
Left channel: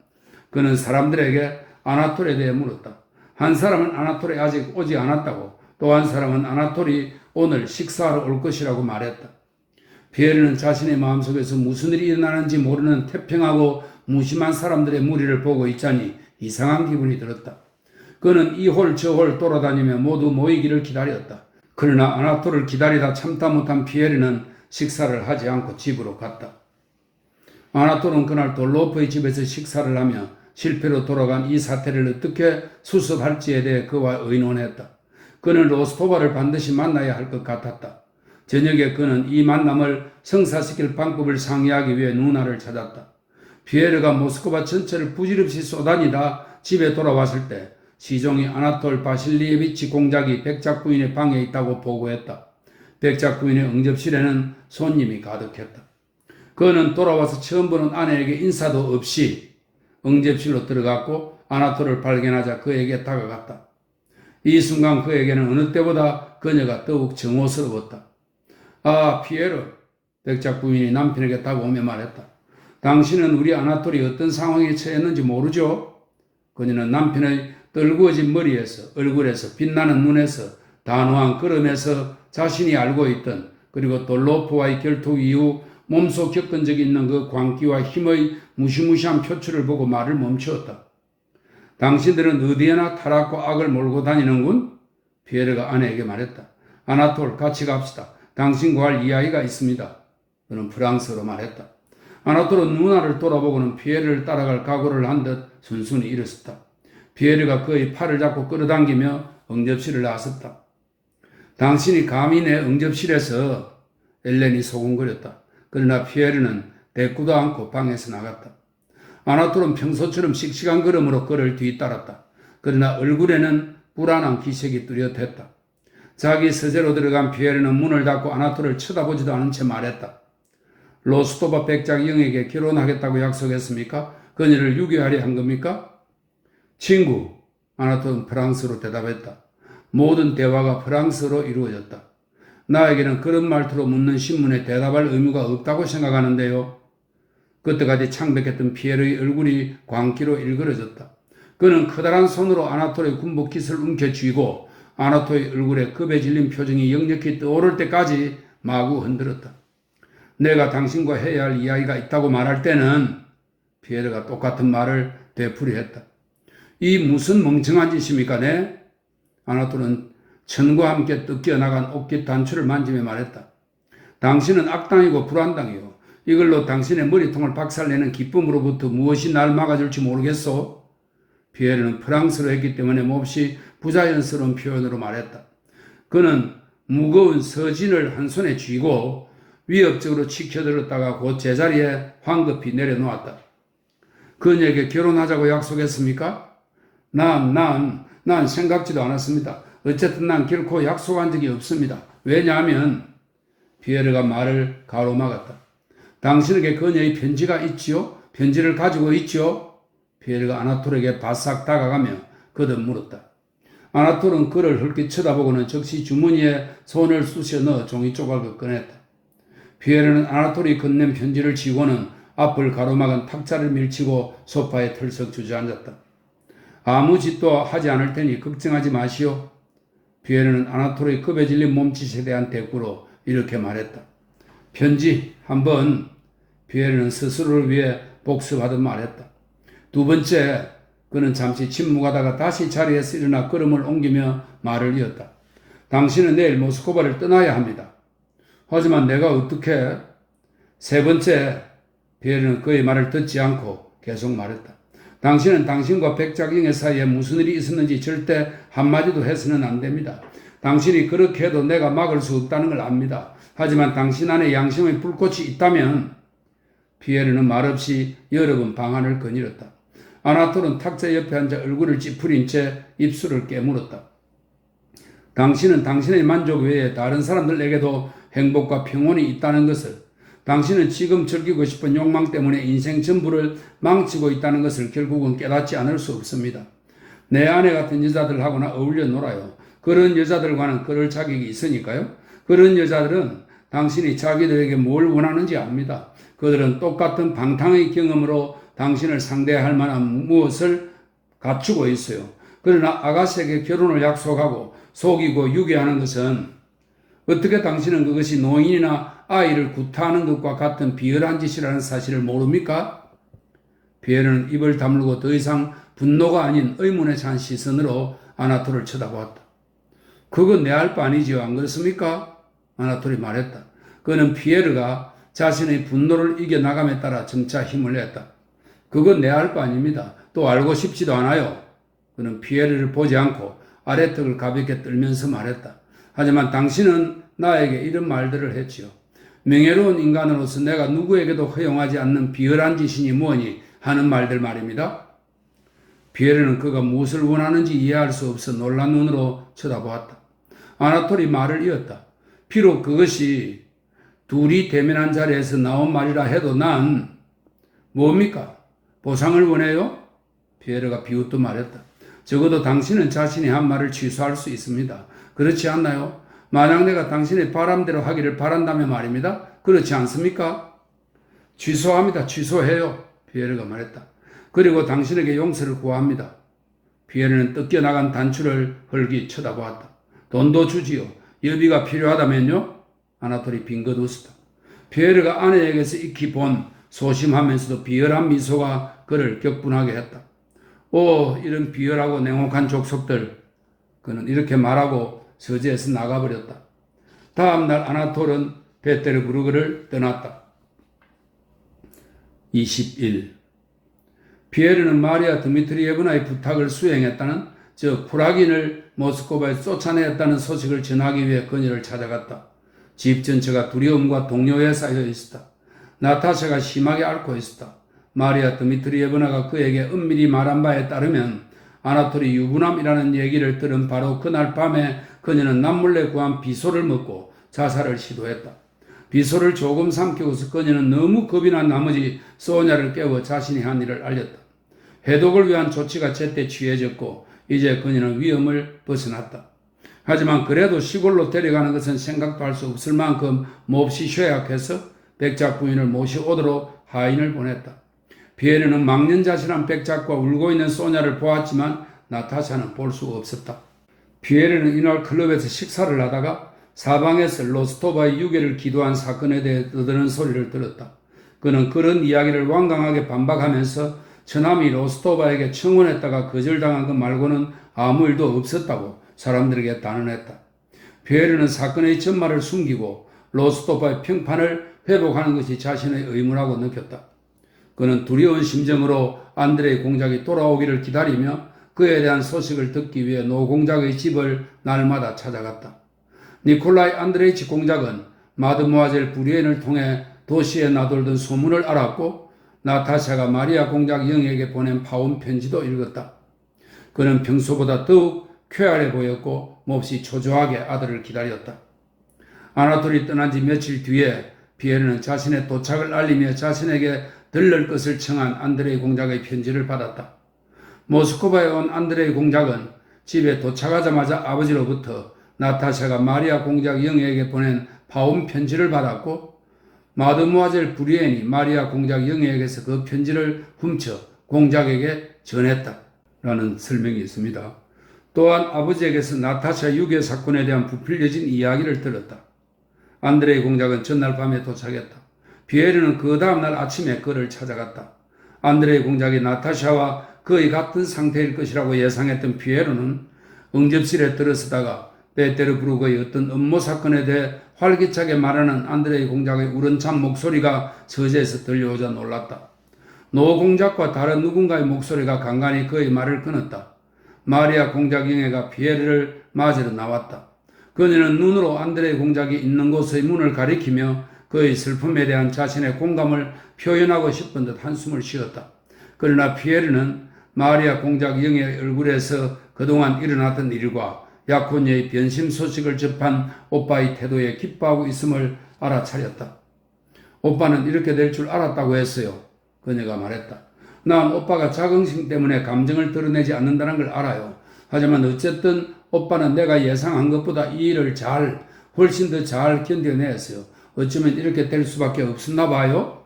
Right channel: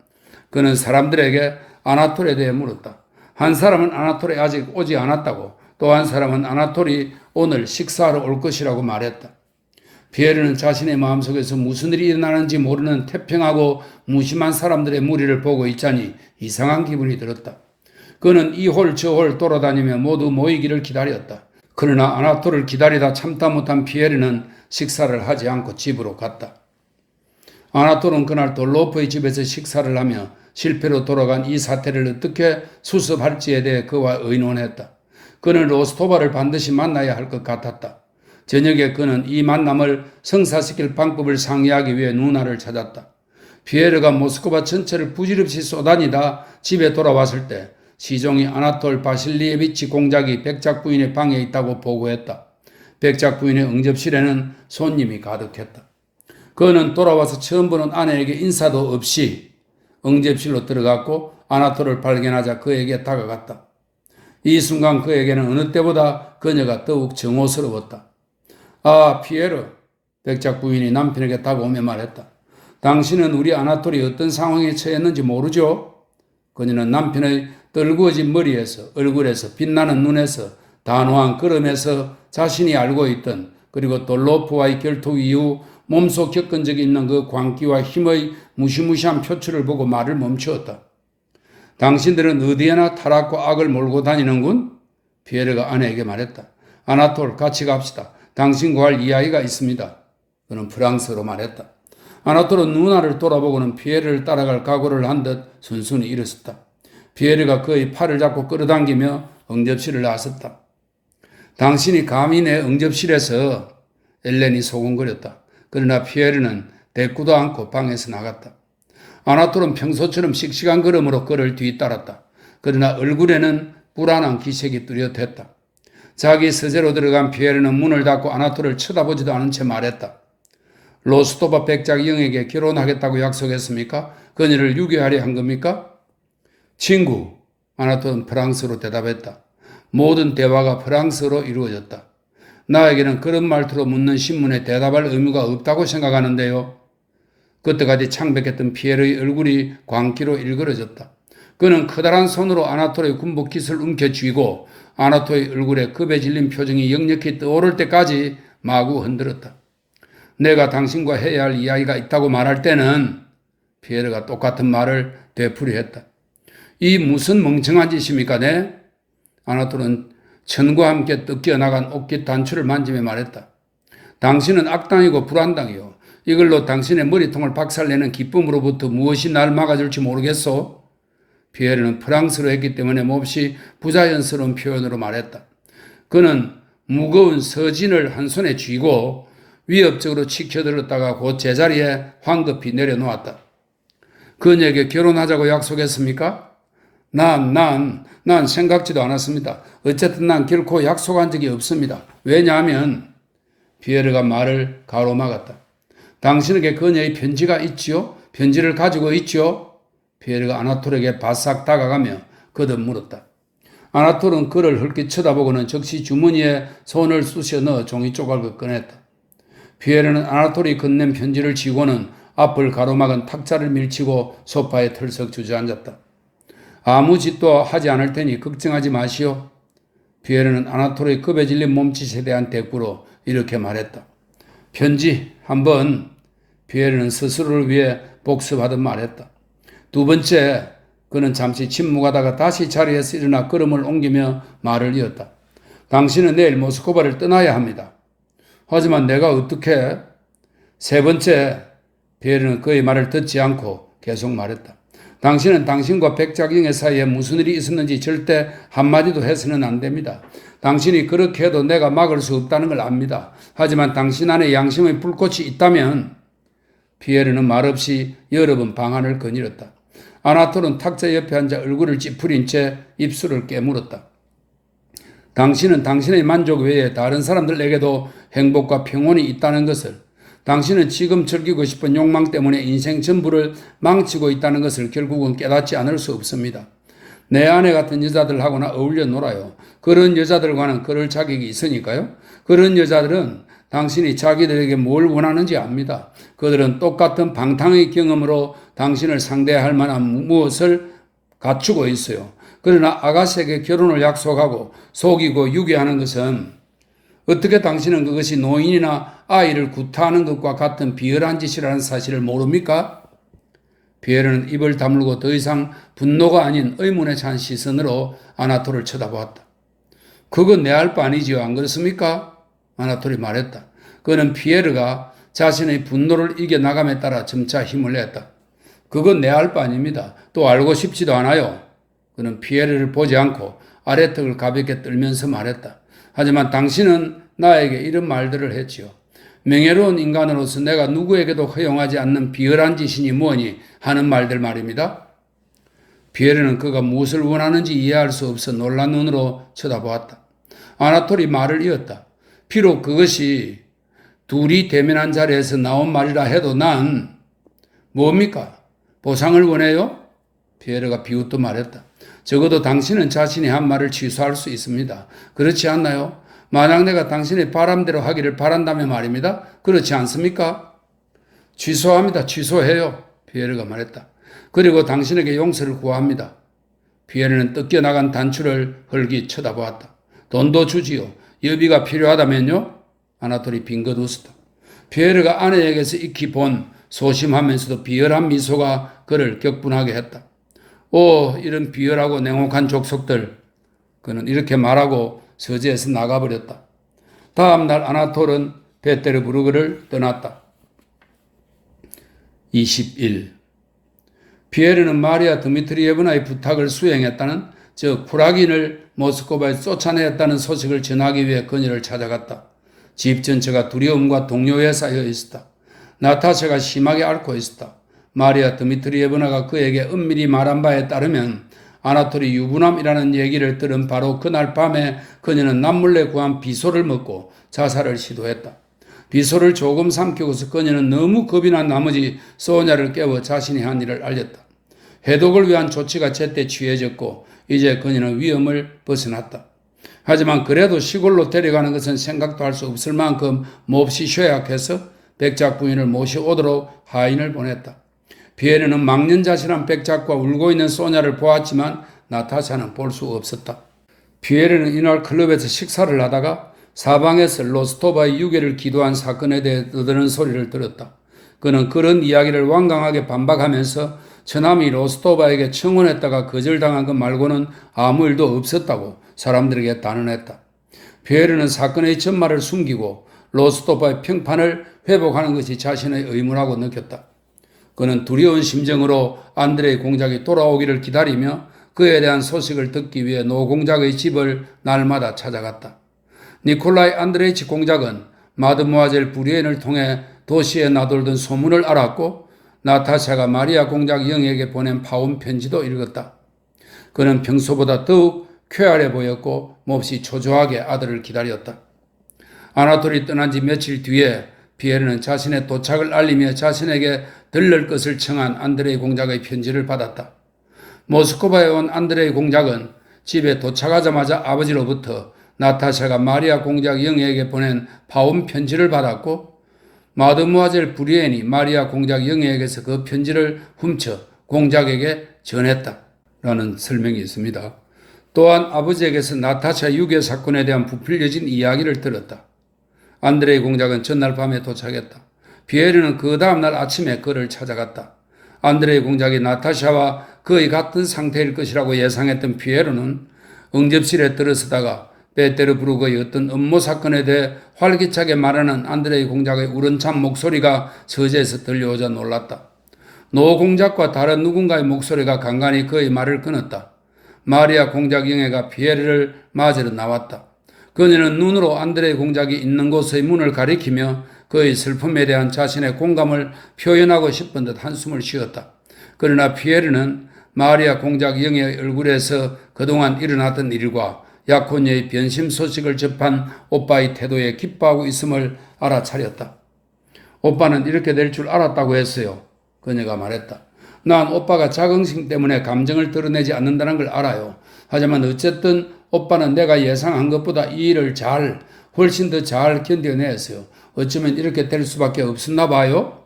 그는 사람들에게 아나톨에 대해 물었다. 한 사람은 아나톨에 아직 오지 않았다고, 또 한 사람은 아나톨이 오늘 식사하러 올 것이라고 말했다. 피에르는 자신의 마음속에서 무슨 일이 일어나는지 모르는 태평하고 무심한 사람들의 무리를 보고 있자니 이상한 기분이 들었다. 그는 이 홀 저 홀 돌아다니며 모두 모이기를 기다렸다. 그러나 아나톨을 기다리다 참다 못한 피에르는 식사를 하지 않고 집으로 갔다. 아나톨은 그날 돌로프의 집에서 식사를 하며 실패로 돌아간 이 사태를 어떻게 수습할지에 대해 그와 의논했다. 그는 로스토바를 반드시 만나야 할 것 같았다. 저녁에 그는 이 만남을 성사시킬 방법을 상의하기 위해 누나를 찾았다. 피에르가 모스크바 전체를 부질없이 쏘다니다 집에 돌아왔을 때 시종이 아나톨 바실리에비치 공작이 백작 부인의 방에 있다고 보고했다. 백작 부인의 응접실에는 손님이 가득했다. 그는 돌아와서 처음 보는 아내에게 인사도 없이 응접실로 들어갔고 아나톨을 발견하자 그에게 다가갔다. 이 순간 그에게는 어느 때보다 그녀가 더욱 정오스러웠다. 아, 피에르, 백작 부인이 남편에게 다가오며 말했다. 당신은 우리 아나톨이 어떤 상황에 처했는지 모르죠? 그녀는 남편의 떨구어진 머리에서, 얼굴에서, 빛나는 눈에서, 단호한 걸음에서 자신이 알고 있던, 그리고 또 로프와의 결투 이후 몸소 겪은 적이 있는 그 광기와 힘의 무시무시한 표출을 보고 말을 멈추었다. 당신들은 어디에나 타락과 악을 몰고 다니는군? 피에르가 아내에게 말했다. 아나톨, 같이 갑시다. 당신과 할 이야기가 있습니다. 그는 프랑스어로 말했다. 아나톨은 누나를 돌아보고는 피에르를 따라갈 각오를 한 듯 순순히 일어섰다. 피에르가 그의 팔을 잡고 끌어당기며 응접실을 나섰다. 당신이 감히 내 응접실에서 엘렌이 소곤거렸다. 그러나 피에르는 대꾸도 않고 방에서 나갔다. 아나톨은 평소처럼 씩씩한 걸음으로 그를 뒤따랐다. 그러나 얼굴에는 불안한 기색이 뚜렷했다. 자기 서재로 들어간 피에르는 문을 닫고 아나톨을 쳐다보지도 않은 채 말했다. 로스토바 백작 영에게 결혼하겠다고 약속했습니까? 그녀를 유괴하려 한 겁니까? 친구, 아나톨은 프랑스어로 대답했다. 모든 대화가 프랑스어로 이루어졌다. 나에게는 그런 말투로 묻는 신문에 대답할 의무가 없다고 생각하는데요. 그때까지 창백했던 피에르의 얼굴이 광기로 일그러졌다. 그는 커다란 손으로 아나톨의 군복깃을 움켜쥐고 아나톨의 얼굴에 겁에 질린 표정이 역력히 떠오를 때까지 마구 흔들었다. 내가 당신과 해야 할 이야기가 있다고 말할 때는 피에르가 똑같은 말을 되풀이했다. 이 무슨 멍청한 짓입니까, 네? 아나톨은 천과 함께 뜯겨나간 옷깃 단추를 만지며 말했다. 당신은 악당이고 불안당이요. 이걸로 당신의 머리통을 박살내는 기쁨으로부터 무엇이 날 막아줄지 모르겠소? 피에르는 프랑스어로 했기 때문에 몹시 부자연스러운 표현으로 말했다. 그는 무거운 서진을 한 손에 쥐고 위협적으로 치켜들었다가 곧 제자리에 황급히 내려놓았다. 그녀에게 결혼하자고 약속했습니까? 난 생각지도 않았습니다. 어쨌든 난 결코 약속한 적이 없습니다. 왜냐하면 피에르가 말을 가로막았다. 당신에게 그녀의 편지가 있지요? 편지를 가지고 있지요? 피에르가 아나톨에게 바싹 다가가며 거듭 물었다. 아나톨은 그를 흘끗 쳐다보고는 즉시 주머니에 손을 쑤셔 넣어 종이 조각을 꺼냈다. 피에르는 아나톨이 건넨 편지를 쥐고는 앞을 가로막은 탁자를 밀치고 소파에 털썩 주저앉았다. 아무 짓도 하지 않을 테니 걱정하지 마시오. 피에르는 아나톨의 겁에 질린 몸짓에 대한 대꾸로 이렇게 말했다. 편지 한번 피에르는 스스로를 위해 복습하듯 말했다. 두 번째, 그는 잠시 침묵하다가 다시 자리에서 일어나 걸음을 옮기며 말을 이었다. 당신은 내일 모스크바를 떠나야 합니다. 하지만 내가 어떻게? 세 번째, 피에르는 그의 말을 듣지 않고 계속 말했다. 당신은 당신과 백작영의 사이에 무슨 일이 있었는지 절대 한마디도 해서는 안 됩니다. 당신이 그렇게 해도 내가 막을 수 없다는 걸 압니다. 하지만 당신 안에 양심의 불꽃이 있다면 피에르는 말없이 여러 번 방안을 거닐었다. 아나톨은 탁자 옆에 앉아 얼굴을 찌푸린 채 입술을 깨물었다. 당신은 당신의 만족 외에 다른 사람들에게도 행복과 평온이 있다는 것을, 당신은 지금 즐기고 싶은 욕망 때문에 인생 전부를 망치고 있다는 것을 결국은 깨닫지 않을 수 없습니다. 내 아내 같은 여자들하고나 어울려 놀아요. 그런 여자들과는 그럴 자격이 있으니까요. 그런 여자들은 당신이 자기들에게 뭘 원하는지 압니다. 그들은 똑같은 방탕의 경험으로 당신을 상대할 만한 무엇을 갖추고 있어요. 그러나 아가씨에게 결혼을 약속하고 속이고 유괴하는 것은 어떻게 당신은 그것이 노인이나 아이를 구타하는 것과 같은 비열한 짓이라는 사실을 모릅니까? 피에르는 입을 다물고 더 이상 분노가 아닌 의문에 찬 시선으로 아나톨을 쳐다보았다. 그건 내 알 바 아니지요, 안 그렇습니까? 아나톨이 말했다. 그는 피에르가 자신의 분노를 이겨나감에 따라 점차 힘을 냈다. 그건 내 알 바 아닙니다. 또 알고 싶지도 않아요. 그는 피에르를 보지 않고 아래턱을 가볍게 떨면서 말했다. 하지만 당신은 나에게 이런 말들을 했지요. 명예로운 인간으로서 내가 누구에게도 허용하지 않는 비열한 짓이니 뭐니 하는 말들 말입니다. 피에르는 그가 무엇을 원하는지 이해할 수 없어 놀란 눈으로 쳐다보았다. 아나톨이 말을 이었다. 비록 그것이 둘이 대면한 자리에서 나온 말이라 해도 난 뭡니까? 보상을 원해요? 피에르가 비웃듯 말했다. 적어도 당신은 자신이 한 말을 취소할 수 있습니다. 그렇지 않나요? 만약 내가 당신의 바람대로 하기를 바란다면 말입니다. 그렇지 않습니까? 취소합니다. 취소해요. 피에르가 말했다. 그리고 당신에게 용서를 구합니다. 피에르는 뜯겨나간 단추를 헐기 쳐다보았다. 돈도 주지요. 여비가 필요하다면요? 아나톨이 빙긋 웃었다. 피에르가 아내에게서 익히 본 소심하면서도 비열한 미소가 그를 격분하게 했다. 오, 이런 비열하고 냉혹한 족속들. 그는 이렇게 말하고 서재에서 나가버렸다. 다음 날 아나톨은 베테르부르크를 떠났다. 21. 피에르는 마리아 드미트리예브나의 부탁을 수행했다는, 즉 쿠라긴을 모스크바에 쫓아내었다는 소식을 전하기 위해 그녀를 찾아갔다. 집 전체가 두려움과 동요에 쌓여 있었다. 나타샤가 심하게 앓고 있었다. 마리아 드미트리예브나가 그에게 은밀히 말한 바에 따르면 아나톨이 유부남이라는 얘기를 들은 바로 그날 밤에 그녀는 남몰래 구한 비소를 먹고 자살을 시도했다. 비소를 조금 삼키고서 그녀는 너무 겁이 난 나머지 소냐를 깨워 자신이 한 일을 알렸다. 해독을 위한 조치가 제때 취해졌고 이제 그녀는 위험을 벗어났다. 하지만 그래도 시골로 데려가는 것은 생각도 할 수 없을 만큼 몹시 쇠약해서 백작 부인을 모셔오도록 하인을 보냈다. 피에르는 망년자실한 백작과 울고 있는 소냐를 보았지만 나타샤는 볼 수 없었다. 피에르는 이날 클럽에서 식사를 하다가 사방에서 로스토바의 유괴를 기도한 사건에 대해 떠드는 소리를 들었다. 그는 그런 이야기를 완강하게 반박하면서 처남이 로스토바에게 청혼했다가 거절당한 것 말고는 아무 일도 없었다고 사람들에게 단언했다. 피에르는 사건의 전말을 숨기고 로스토바의 평판을 회복하는 것이 자신의 의무라고 느꼈다. 그는 두려운 심정으로 안드레이 공작이 돌아오기를 기다리며 그에 대한 소식을 듣기 위해 노 공작의 집을 날마다 찾아갔다. 니콜라이 안드레이치 공작은 마드모아젤 부리엔을 통해 도시에 나돌던 소문을 알았고 나타샤가 마리아 공작 영에게 보낸 파운 편지도 읽었다. 그는 평소보다 더욱 쾌활해 보였고 몹시 초조하게 아들을 기다렸다. 아나톨이 떠난 지 며칠 뒤에 피에르는 자신의 도착을 알리며 자신에게 들를 것을 청한 안드레이 공작의 편지를 받았다. 모스크바에 온 안드레이 공작은 집에 도착하자마자 아버지로부터 나타샤가 마리아 공작 영에게 보낸 파운 편지를 받았고 마드무아젤 부리엔이 마리아 공작 영에게서 그 편지를 훔쳐 공작에게 전했다. 라는 설명이 있습니다. 또한 아버지에게서 나타샤 유괴 사건에 대한 부풀려진 이야기를 들었다. 안드레이 공작은 전날 밤에 도착했다. 피에르는 그 다음날 아침에 그를 찾아갔다. 안드레이 공작이 나타샤와 거의 같은 상태일 것이라고 예상했던 피에르는 응접실에 들어서다가 베테르부르크의 어떤 음모 사건에 대해 활기차게 말하는 안드레이 공작의 우렁찬 목소리가 서재에서 들려오자 놀랐다. 노 공작과 다른 누군가의 목소리가 간간히 그의 말을 끊었다. 마리아 공작 영애가 피에르를 맞으러 나왔다. 그녀는 눈으로 안드레이 공작이 있는 곳의 문을 가리키며 그의 슬픔에 대한 자신의 공감을 표현하고 싶은 듯 한숨을 쉬었다. 그러나 피에르는 마리아 공작 영애의 얼굴에서 그동안 일어났던 일과 약혼녀의 변심 소식을 접한 오빠의 태도에 기뻐하고 있음을 알아차렸다. 오빠는 이렇게 될 줄 알았다고 했어요. 그녀가 말했다. 난 오빠가 자긍심 때문에 감정을 드러내지 않는다는 걸 알아요. 하지만 어쨌든 오빠는 내가 예상한 것보다 이 일을 훨씬 더 잘 견뎌냈어요. 어쩌면 이렇게 될 수밖에 없었나 봐요.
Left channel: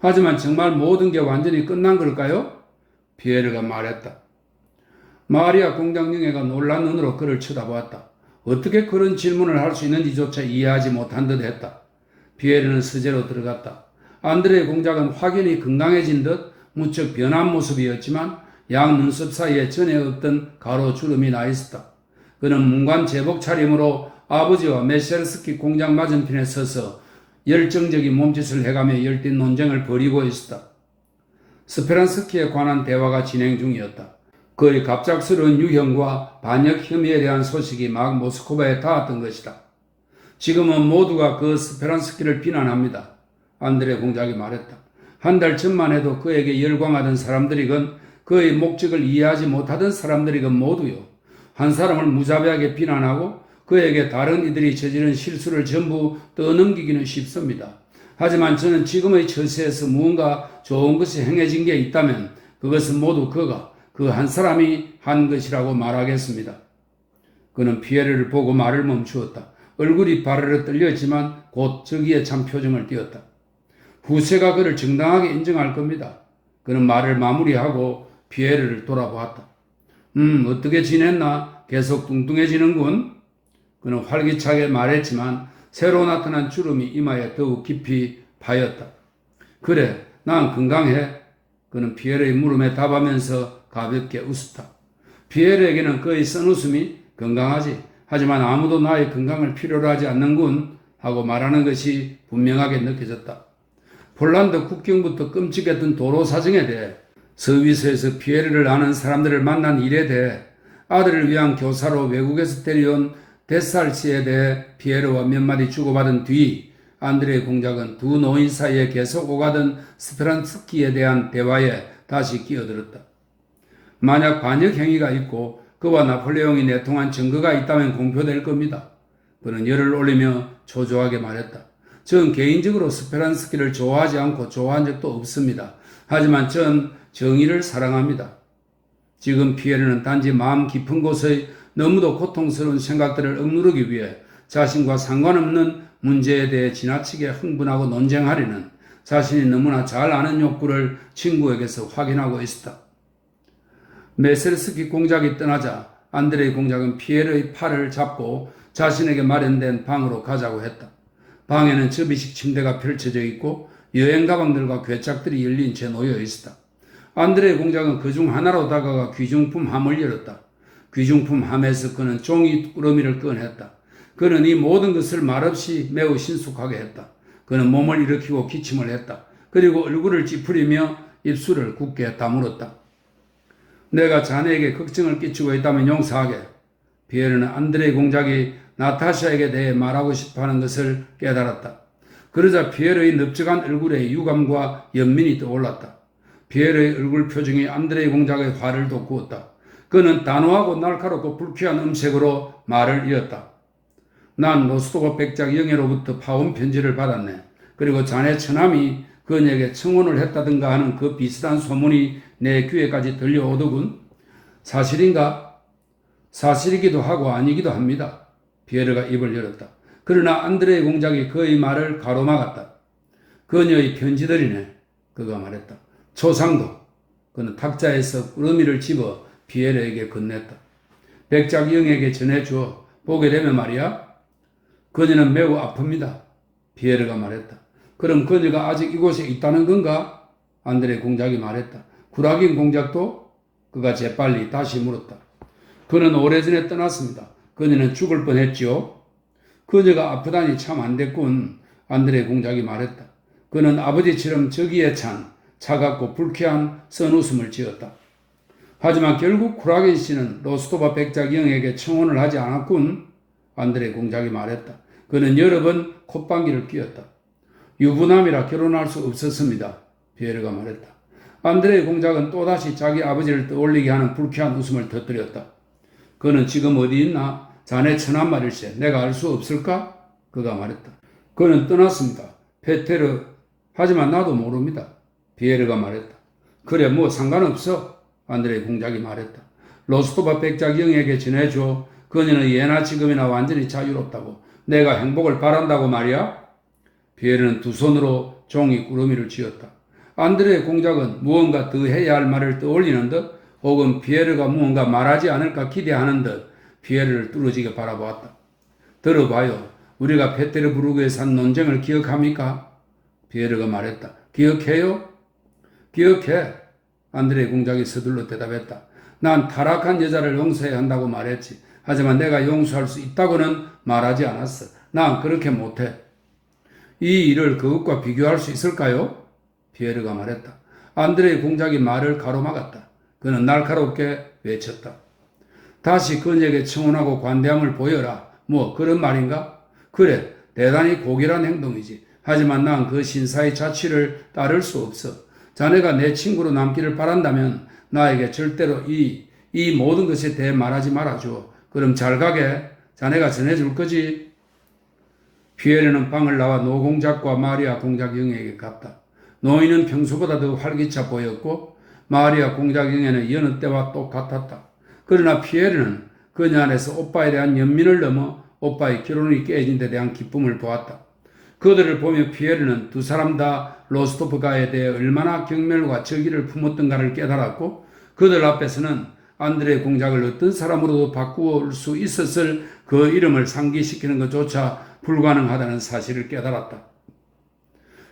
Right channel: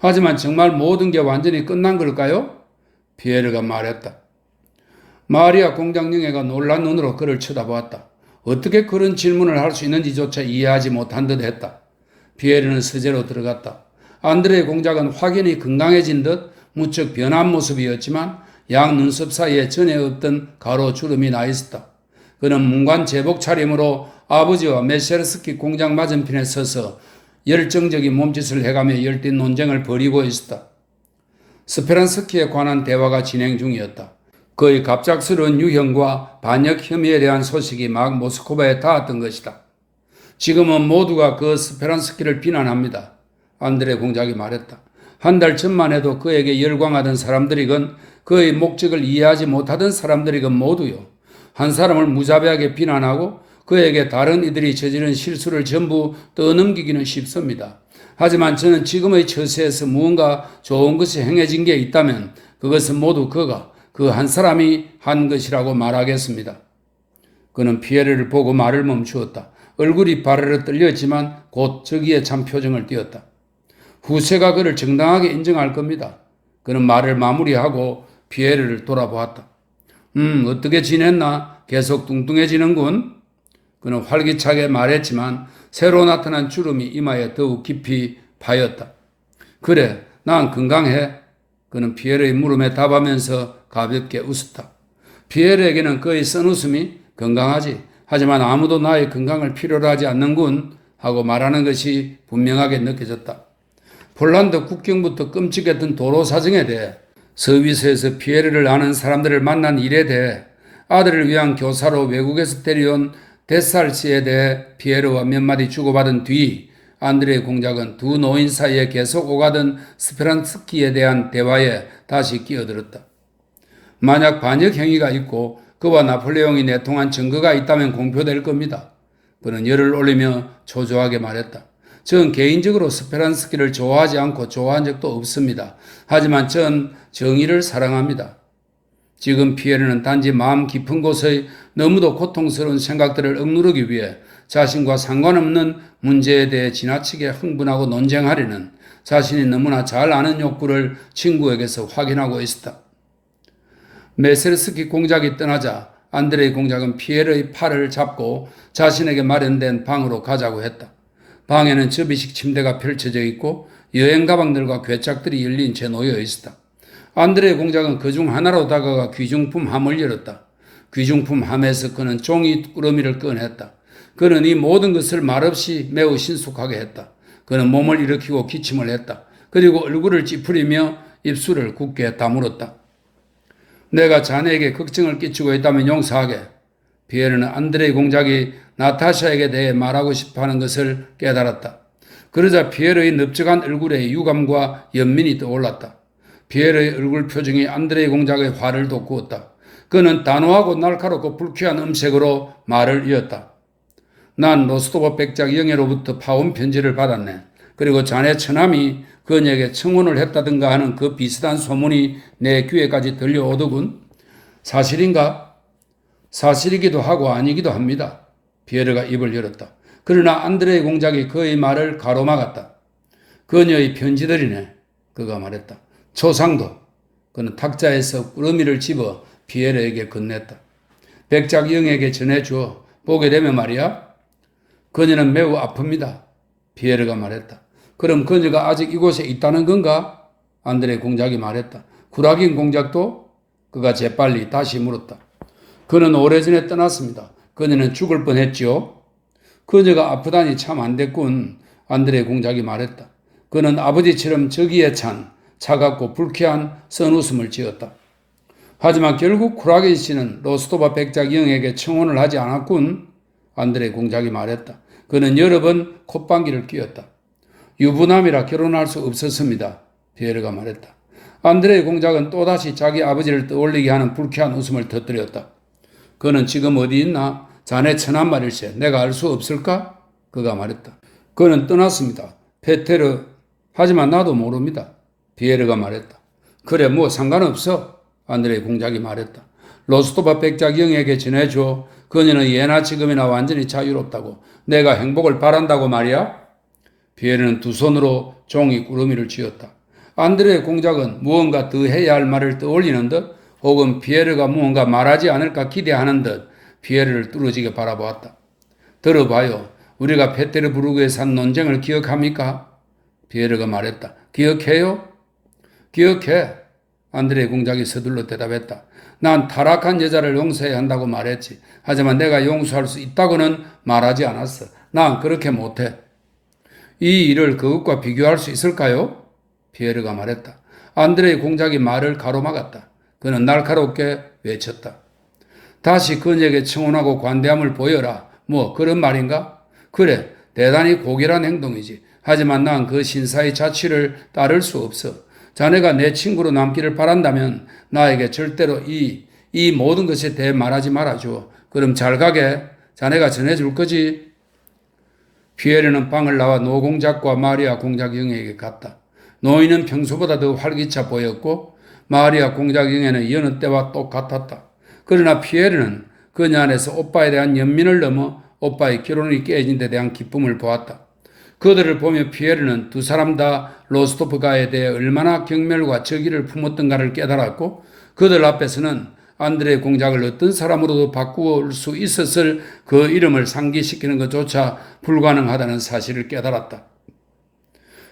하지만 정말 모든 게 완전히 끝난 걸까요? 피에르가 말했다. 마리아 공작 영애가 놀란 눈으로 그를 쳐다보았다. 어떻게 그런 질문을 할 수 있는지조차 이해하지 못한 듯 했다. 피에르는 서재로 들어갔다. 안드레이 공작은 확연히 건강해진 듯 무척 변한 모습이었지만 양 눈썹 사이에 전에 없던 가로주름이 나 있었다. 그는 문관 제복 차림으로 아버지와 메셰르스키 공장 맞은편에 서서 열정적인 몸짓을 해가며 열띤 논쟁을 벌이고 있었다. 스페란스키에 관한 대화가 진행 중이었다. 그의 갑작스러운 유형과 반역 혐의에 대한 소식이 막 모스크바에 닿았던 것이다. 지금은 모두가 그 스페란스키를 비난합니다. 안드레 공작이 말했다. 한 달 전만 해도 그에게 열광하던 사람들이건 그의 목적을 이해하지 못하던 사람들이건 모두요. 한 사람을 무자비하게 비난하고 그에게 다른 이들이 저지른 실수를 전부 떠넘기기는 쉽습니다. 하지만 저는 지금의 처세에서 무언가 좋은 것이 행해진 게 있다면 그것은 모두 그가 그 한 사람이 한 것이라고 말하겠습니다. 그는 피에르를 보고 말을 멈추었다. 얼굴이 바르르 떨렸지만 곧 저기에 참 표정을 띄었다. 후세가 그를 정당하게 인정할 겁니다. 그는 말을 마무리하고 피에르를 돌아보았다. 어떻게 지냈나? 계속 뚱뚱해지는군. 그는 활기차게 말했지만 새로 나타난 주름이 이마에 더욱 깊이 파였다. 그래, 난 건강해. 그는 피에르의 물음에 답하면서 가볍게 웃었다. 피에르에게는 그의 쓴 웃음이 건강하지. 하지만 아무도 나의 건강을 필요로 하지 않는군 하고 말하는 것이 분명하게 느껴졌다. 폴란드 국경부터 끔찍했던 도로 사정에 대해 서비스에서 피에르를 아는 사람들을 만난 일에 대해 아들을 위한 교사로 외국에서 데려온 데살시에 대해 피에르와 몇 마디 주고받은 뒤 안드레 공작은 두 노인 사이에 계속 오가던 스페란스키에 대한 대화에 다시 끼어들었다. 만약 반역 행위가 있고 그와 나폴레옹이 내통한 증거가 있다면 공표될 겁니다. 그는 열을 올리며 초조하게 말했다. 전 개인적으로 스페란스키를 좋아하지 않고 좋아한 적도 없습니다. 하지만 전 정의를 사랑합니다. 지금 피에르는 단지 마음 깊은 곳의 너무도 고통스러운 생각들을 억누르기 위해 자신과 상관없는 문제에 대해 지나치게 흥분하고 논쟁하려는 자신이 너무나 잘 아는 욕구를 친구에게서 확인하고 있었다. 메세르스키 공작이 떠나자 안드레이 공작은 피에르의 팔을 잡고 자신에게 마련된 방으로 가자고 했다. 방에는 접이식 침대가 펼쳐져 있고 여행 가방들과 괴짝들이 열린 채 놓여 있었다. 안드레이 공작은 그중 하나로 다가가 귀중품 함을 열었다. 귀중품 함에서 그는 종이 꾸러미를 꺼냈다. 그는 이 모든 것을 말없이 매우 신속하게 했다. 그는 몸을 일으키고 기침을 했다. 그리고 얼굴을 찌푸리며 입술을 굳게 다물었다. 내가 자네에게 걱정을 끼치고 있다면 용서하게. 피에르는 안드레이 공작이 나타샤에게 대해 말하고 싶어하는 것을 깨달았다. 그러자 피에르의 넓적한 얼굴에 유감과 연민이 떠올랐다. 피에르의 얼굴 표정이 안드레이 공작의 화를 돋구었다. 그는 단호하고 날카롭고 불쾌한 음색으로 말을 이었다. 난 로스토브 백작 영예로부터 파온 편지를 받았네. 그리고 자네 처남이 그녀에게 청혼을 했다든가 하는 그 비슷한 소문이 내 귀에까지 들려오더군. 사실인가? 사실이기도 하고 아니기도 합니다. 피에르가 입을 열었다. 그러나 안드레이 공작이 그의 말을 가로막았다. 그녀의 편지들이네. 그가 말했다. 초상도. 그는 탁자에서 꾸러미를 집어 피에르에게 건넸다. 백작 영에게 전해주어. 보게 되면 말이야. 그녀는 매우 아픕니다. 피에르가 말했다. 그럼 그녀가 아직 이곳에 있다는 건가? 안드레 공작이 말했다. 구라긴 공작도? 그가 재빨리 다시 물었다. 그는 오래전에 떠났습니다. 그녀는 죽을 뻔했지요. 그녀가 아프다니 참 안 됐군. 안드레 공작이 말했다. 그는 아버지처럼 저기에 찬 차갑고 불쾌한 선웃음을 지었다. 하지만 결국 쿠라긴 씨는 로스토바 백작 영에게 청혼을 하지 않았군. 안드레 공작이 말했다. 그는 여러 번 콧방귀를 뀌었다. 유부남이라 결혼할 수 없었습니다. 피에르가 말했다. 안드레 공작은 또다시 자기 아버지를 떠올리게 하는 불쾌한 웃음을 터뜨렸다. 그는 지금 어디 있나? 자네 처남 말일세. 내가 알 수 없을까? 그가 말했다. 그는 떠났습니다. 페테르. 하지만 나도 모릅니다. 피에르가 말했다. 그래 뭐 상관없어. 안드레 공작이 말했다. 로스토바 백작 영에게 전해줘. 그녀는 예나 지금이나 완전히 자유롭다고. 내가 행복을 바란다고 말이야. 피에르는 두 손으로 종이 꾸러미를 쥐었다. 안드레 공작은 무언가 더 해야 할 말을 떠올리는 듯 혹은 피에르가 무언가 말하지 않을까 기대하는 듯 피에르를 뚫어지게 바라보았다. 들어봐요. 우리가 페테르부르크에 산 논쟁을 기억합니까? 피에르가 말했다. 기억해요? 기억해. 안드레 공작이 서둘러 대답했다. 난 타락한 여자를 용서해야 한다고 말했지. 하지만 내가 용서할 수 있다고는 말하지 않았어. 난 그렇게 못해. 이 일을 그것과 비교할 수 있을까요? 피에르가 말했다. 안드레 공작이 말을 가로막았다. 그는 날카롭게 외쳤다. 다시 그녀에게 청혼하고 관대함을 보여라. 뭐 그런 말인가? 그래, 대단히 고결한 행동이지. 하지만 난 그 신사의 자취를 따를 수 없어. 자네가 내 친구로 남기를 바란다면 나에게 절대로 이 모든 것에 대해 말하지 말아줘. 그럼 잘 가게. 자네가 전해줄 거지? 피에르는 방을 나와 노공작과 마리아 공작 영에게 갔다. 노인은 평소보다 더 활기차 보였고 마리아 공작 영에는 여느 때와 똑같았다. 그러나 피에르는 그녀 안에서 오빠에 대한 연민을 넘어 오빠의 결혼이 깨진 데 대한 기쁨을 보았다. 그들을 보며 피에르는 두 사람 다 로스토프가에 대해 얼마나 경멸과 적의를 품었던가를 깨달았고 그들 앞에서는 안드레 공작을 어떤 사람으로도 바꿀 수 있었을 그 이름을 상기시키는 것조차 불가능하다는 사실을 깨달았다.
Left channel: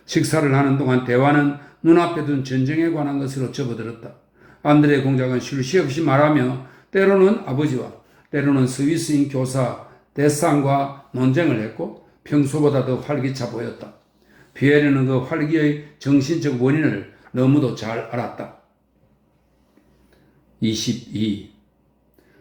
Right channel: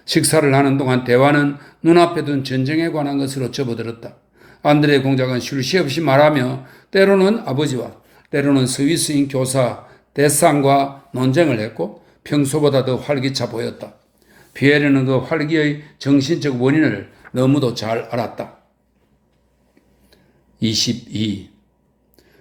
식사를 하는 동안 대화는 눈앞에 둔 전쟁에 관한 것으로 접어들었다. 안드레 공작은 쉴 새 없이 말하며 때로는 아버지와 때로는 스위스인 교사 데상과 논쟁을 했고 평소보다 더 활기차 보였다. 피에르는 그 활기의 정신적 원인을 너무도 잘 알았다. 22.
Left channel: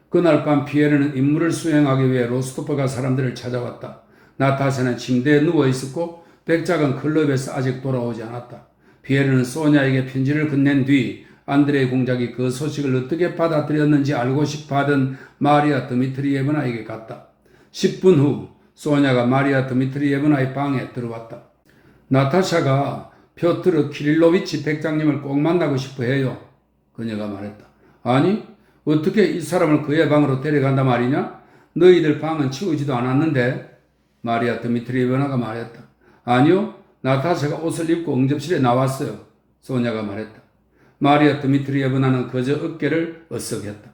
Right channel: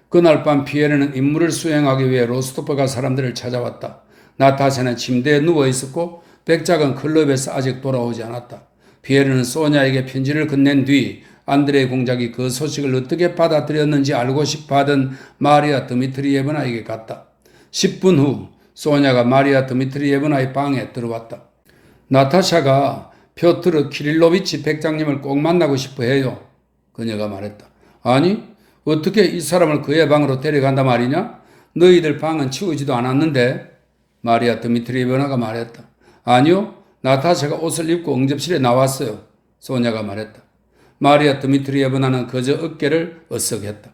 그날 밤 피에르는 임무를 수행하기 위해 로스토프가 사람들을 찾아왔다. 나타샤는 침대에 누워 있었고 백작은 클럽에서 아직 돌아오지 않았다. 피에르는 소냐에게 편지를 건넨 뒤 안드레 공작이 그 소식을 어떻게 받아들였는지 알고 싶어 하던 마리아 드미트리예브나에게 갔다. 10분 후 소냐가 마리아 드미트리예브나의 방에 들어왔다. 나타샤가 표트르 키릴로비치 백장님을 꼭 만나고 싶어 해요. 그녀가 말했다. 아니, 어떻게 이 사람을 그의 방으로 데려간단 말이냐? 너희들 방은 치우지도 않았는데? 마리아 드미트리예브나가 말했다. 아니요, 나타샤가 옷을 입고 응접실에 나왔어요. 소냐가 말했다. 마리아 드미트리예브나는 그저 어깨를 으쓱했다.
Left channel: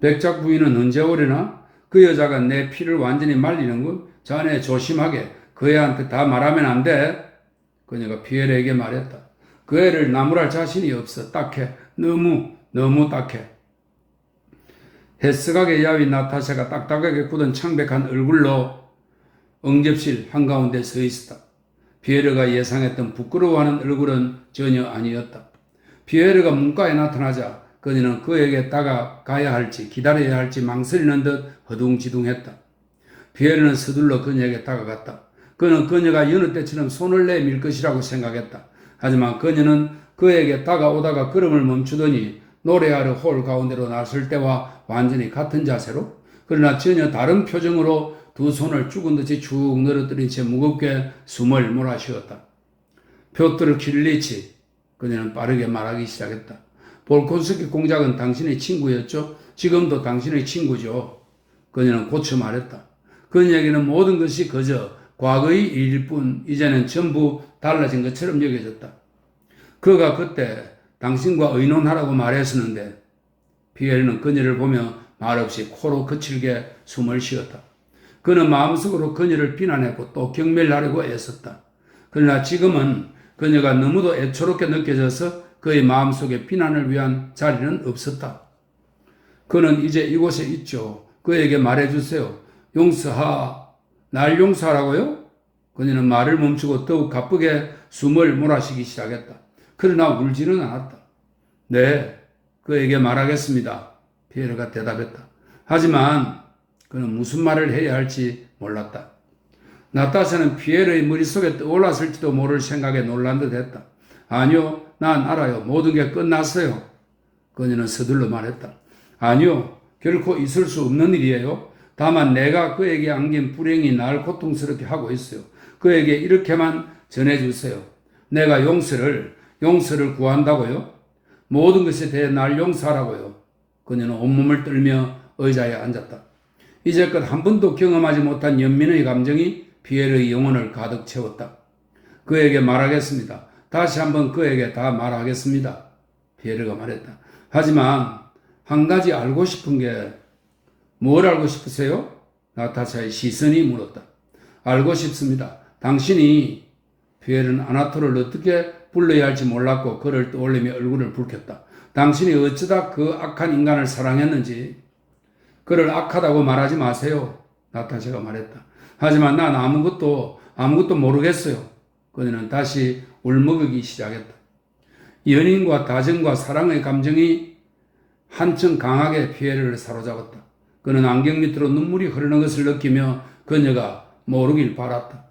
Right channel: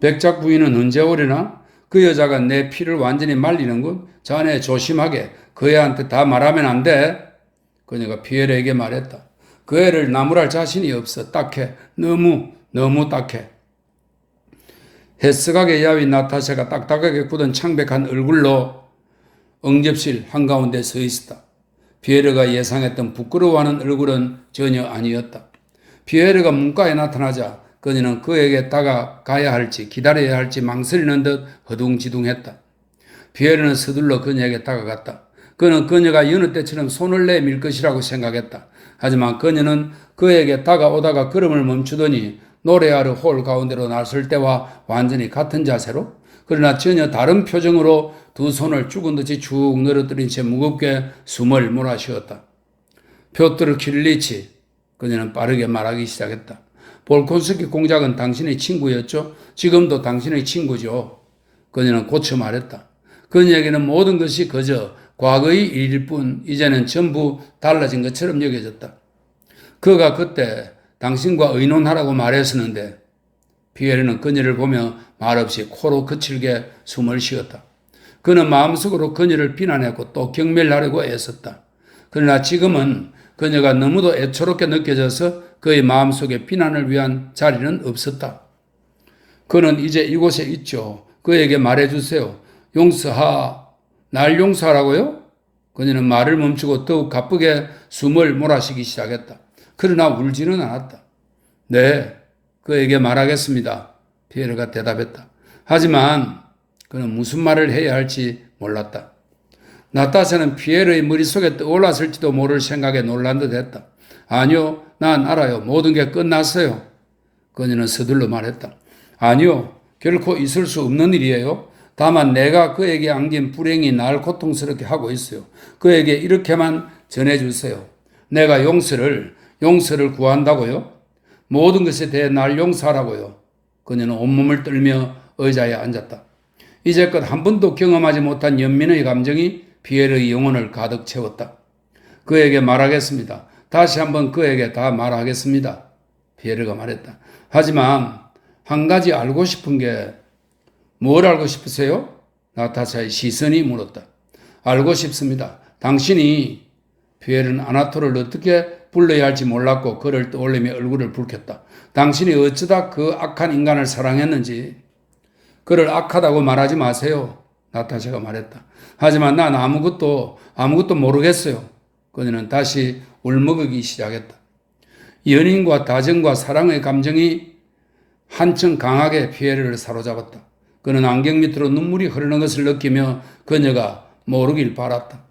백작 부인은 언제 오려나? 그 여자가 내 피를 완전히 말리는군. 자네 조심하게. 그 애한테 다 말하면 안 돼. 그녀가 피에르에게 말했다. 그 애를 나무랄 자신이 없어. 딱해. 너무 딱해. 햇스각에 야윈 나타샤가 딱딱하게 굳은 창백한 얼굴로 응접실 한가운데 서 있었다. 피에르가 예상했던 부끄러워하는 얼굴은 전혀 아니었다. 피에르가 문가에 나타나자 그녀는 그에게 다가가야 할지 기다려야 할지 망설이는 듯 허둥지둥했다. 피에르는 서둘러 그녀에게 다가갔다. 그는 그녀가 여느 때처럼 손을 내밀 것이라고 생각했다. 하지만 그녀는 그에게 다가오다가 걸음을 멈추더니 노래하러 홀 가운데로 나설 때와 완전히 같은 자세로 그러나 전혀 다른 표정으로 두 손을 죽은 듯이 쭉 늘어뜨린 채 무겁게 숨을 몰아쉬었다. 표트르 키릴리치, 그녀는 빠르게 말하기 시작했다. 볼콘스키 공작은 당신의 친구였죠? 지금도 당신의 친구죠. 그녀는 고쳐 말했다. 그녀에게는 모든 것이 그저 과거의 일일 뿐 이제는 전부 달라진 것처럼 여겨졌다. 그가 그때 당신과 의논하라고 말했었는데 피에르는 그녀를 보며 말없이 코로 거칠게 숨을 쉬었다. 그는 마음속으로 그녀를 비난했고 또 경멸하려고 애썼다. 그러나 지금은 그녀가 너무도 애초롭게 느껴져서 그의 마음속에 비난을 위한 자리는 없었다. 그는 이제 이곳에 있죠. 그에게 말해주세요. 날 용서하라고요? 그녀는 말을 멈추고 더욱 가쁘게 숨을 몰아쉬기 시작했다. 그러나 울지는 않았다. 네, 그에게 말하겠습니다. 피에르가 대답했다. 하지만 그는 무슨 말을 해야 할지 몰랐다. 나타샤는 피에르의 머릿속에 떠올랐을지도 모를 생각에 놀란 듯 했다. 아니요, 난 알아요. 모든 게 끝났어요. 그녀는 서둘러 말했다. 아니요, 결코 있을 수 없는 일이에요. 다만 내가 그에게 안긴 불행이 날 고통스럽게 하고 있어요. 그에게 이렇게만 전해주세요. 내가 용서를 구한다고요? 모든 것에 대해 날 용서하라고요. 그녀는 온몸을 떨며 의자에 앉았다. 이제껏 한 번도 경험하지 못한 연민의 감정이 피에르의 영혼을 가득 채웠다. 그에게 말하겠습니다. 다시 한번 그에게 다 말하겠습니다. 피에르가 말했다. 하지만 한 가지 알고 싶은 게 뭘 알고 싶으세요? 나타샤의 시선이 물었다. 알고 싶습니다. 당신이 피에르는 아나토를 어떻게 불러야 할지 몰랐고 그를 떠올리며 얼굴을 붉혔다. 당신이 어쩌다 그 악한 인간을 사랑했는지 그를 악하다고 말하지 마세요. 나타샤가 말했다. 하지만 난 아무것도 모르겠어요. 그녀는 다시 울먹이기 시작했다. 연인과 다정과 사랑의 감정이 한층 강하게 피에르를 사로잡았다. 그는 안경 밑으로 눈물이 흐르는 것을 느끼며 그녀가 모르길 바랐다.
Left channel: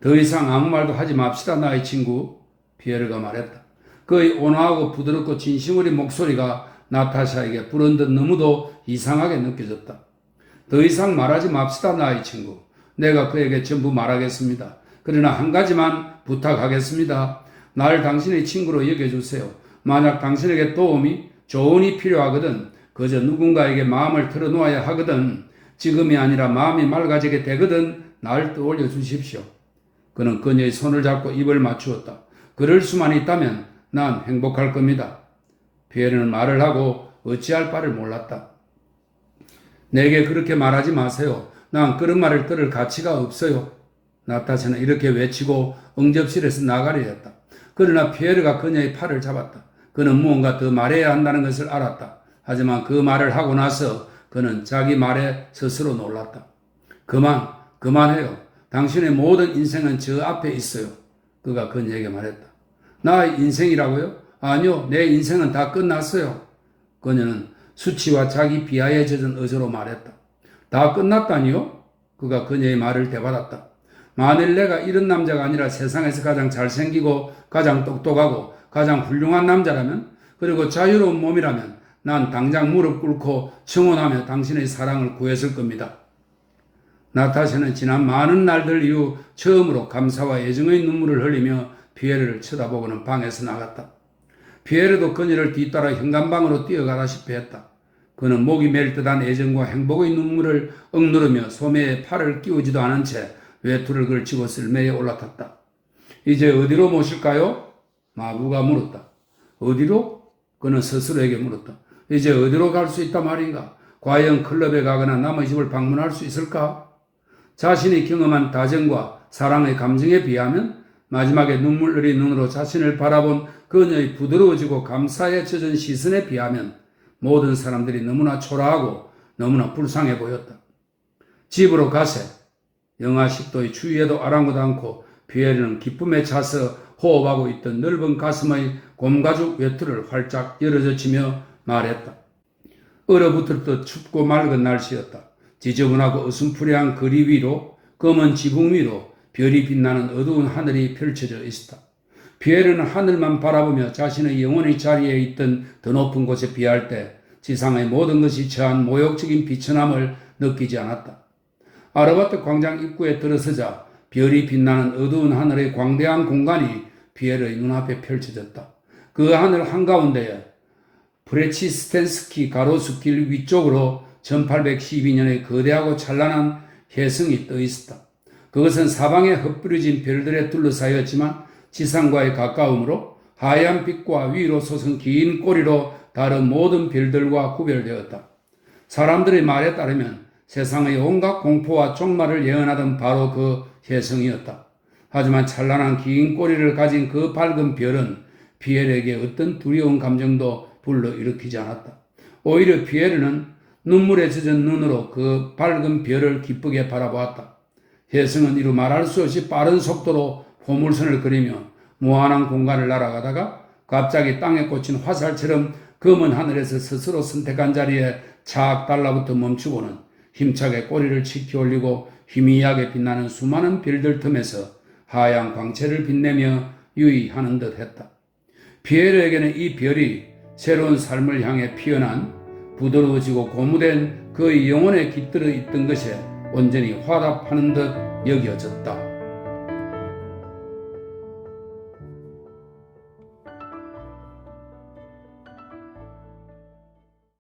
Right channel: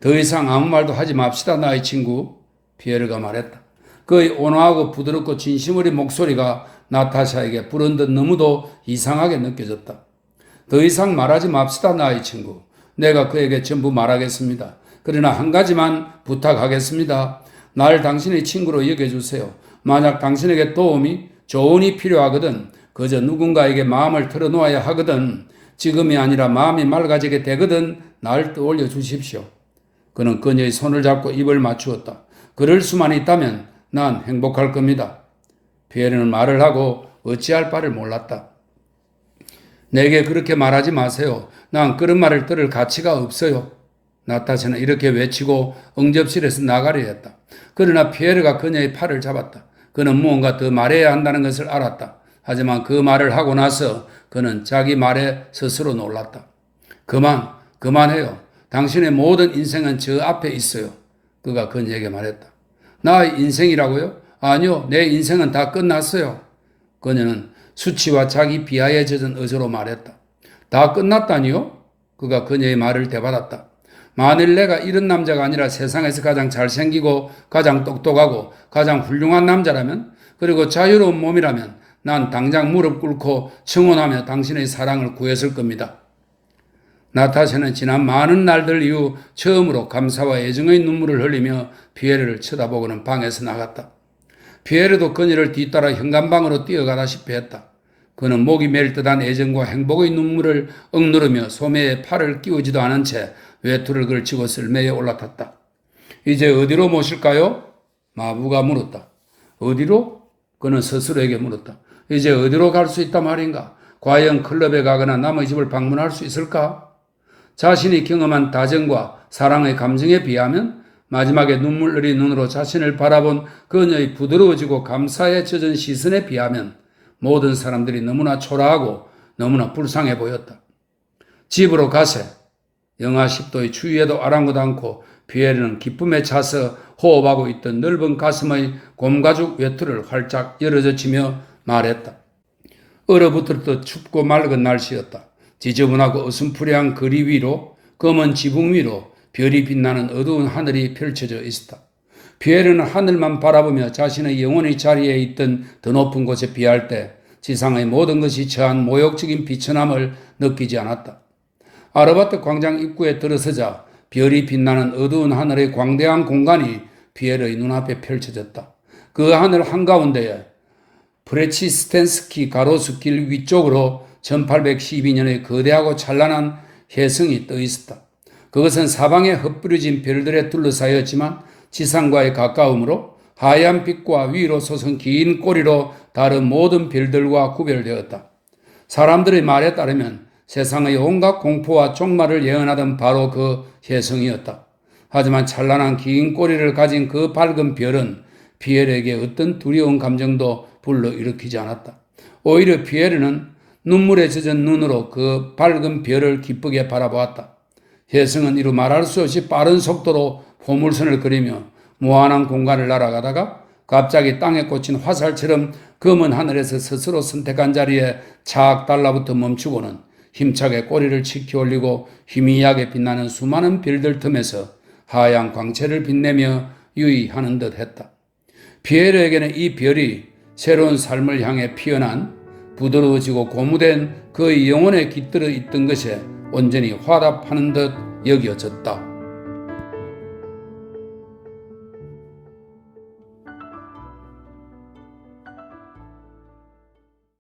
더 이상 아무 말도 하지 맙시다, 나의 친구. 피에르가 말했다. 그의 온화하고 부드럽고 진심 어린 목소리가 나타샤에게 불현듯 너무도 이상하게 느껴졌다. 더 이상 말하지 맙시다, 나의 친구. 내가 그에게 전부 말하겠습니다. 그러나 한 가지만 부탁하겠습니다. 날 당신의 친구로 여겨주세요. 만약 당신에게 도움이, 조언이 필요하거든, 그저 누군가에게 마음을 털어놓아야 하거든, 지금이 아니라 마음이 맑아지게 되거든, 날 떠올려 주십시오. 그는 그녀의 손을 잡고 입을 맞추었다. 그럴 수만 있다면 난 행복할 겁니다. 피에르는 말을 하고 어찌할 바를 몰랐다. 내게 그렇게 말하지 마세요. 난 그런 말을 들을 가치가 없어요. 나타샤는 이렇게 외치고 응접실에서 나가려 했다. 그러나 피에르가 그녀의 팔을 잡았다. 그는 무언가 더 말해야 한다는 것을 알았다. 하지만 그 말을 하고 나서 그는 자기 말에 스스로 놀랐다. 그만해요. 당신의 모든 인생은 저 앞에 있어요. 그가 그녀에게 말했다. 나의 인생이라고요? 아니요, 내 인생은 다 끝났어요. 그녀는 수치와 자기 비하에 젖은 어조로 말했다. 다 끝났다니요? 그가 그녀의 말을 되받았다. 만일 내가 이런 남자가 아니라 세상에서 가장 잘생기고 가장 똑똑하고 가장 훌륭한 남자라면, 그리고 자유로운 몸이라면 난 당장 무릎 꿇고 청혼하며 당신의 사랑을 구했을 겁니다. 나타샤는 지난 많은 날들 이후 처음으로 감사와 애정의 눈물을 흘리며 피에르를 쳐다보고는 방에서 나갔다. 피에르도 그녀를 뒤따라 현관방으로 뛰어가다시피 했다. 그는 목이 맬 듯한 애정과 행복의 눈물을 억누르며 소매에 팔을 끼우지도 않은 채 외투를 걸치고 쓸매에 올라탔다. 이제 어디로 모실까요? 마부가 물었다. 어디로? 그는 스스로에게 물었다. 이제 어디로 갈 수 있단 말인가? 과연 클럽에 가거나 남의 집을 방문할 수 있을까? 자신이 경험한 다정과 사랑의 감정에 비하면, 마지막에 눈물 흘린 눈으로 자신을 바라본 그녀의 부드러워지고 감사에 젖은 시선에 비하면 모든 사람들이 너무나 초라하고 너무나 불쌍해 보였다. 집으로 가세. 영하 10도의 추위에도 아랑곳 않고 피에르는 기쁨에 차서 호흡하고 있던 넓은 가슴의 곰가죽 외투를 활짝 열어젖히며 말했다. 얼어붙었듯 춥고 맑은 날씨였다. 지저분하고 어슴푸레한 거리 위로, 검은 지붕 위로 별이 빛나는 어두운 하늘이 펼쳐져 있었다. 피에르는 하늘만 바라보며 자신의 영혼의 자리에 있던 더 높은 곳에 비할 때 지상의 모든 것이 처한 모욕적인 비천함을 느끼지 않았다. 아르바트 광장 입구에 들어서자 별이 빛나는 어두운 하늘의 광대한 공간이 피에르의 눈앞에 펼쳐졌다. 그 하늘 한가운데에 프레치스텐스키 가로수길 위쪽으로 1812년의 거대하고 찬란한 혜성이 떠 있었다. 그것은 사방에 흩뿌려진 별들에 둘러싸였지만 지상과의 가까움으로 하얀 빛과 위로 솟은 긴 꼬리로 다른 모든 별들과 구별되었다. 사람들의 말에 따르면 세상의 온갖 공포와 종말을 예언하던 바로 그 혜성이었다. 하지만 찬란한 긴 꼬리를 가진 그 밝은 별은 피에르에게 어떤 두려운 감정도 불러일으키지 않았다. 오히려 피에르는 눈물에 젖은 눈으로 그 밝은 별을 기쁘게 바라보았다. 혜성은 이루 말할 수 없이 빠른 속도로 포물선을 그리며 무한한 공간을 날아가다가 갑자기 땅에 꽂힌 화살처럼 검은 하늘에서 스스로 선택한 자리에 착 달라붙어 멈추고는 힘차게 꼬리를 치켜 올리고 희미하게 빛나는 수많은 별들 틈에서 하얀 광채를 빛내며 유의하는 듯 했다. 피에르에게는 이 별이 새로운 삶을 향해 피어난 부드러워지고 고무된 그의 영혼에 깃들어 있던 것에 온전히 화답하는 듯 여겨졌다.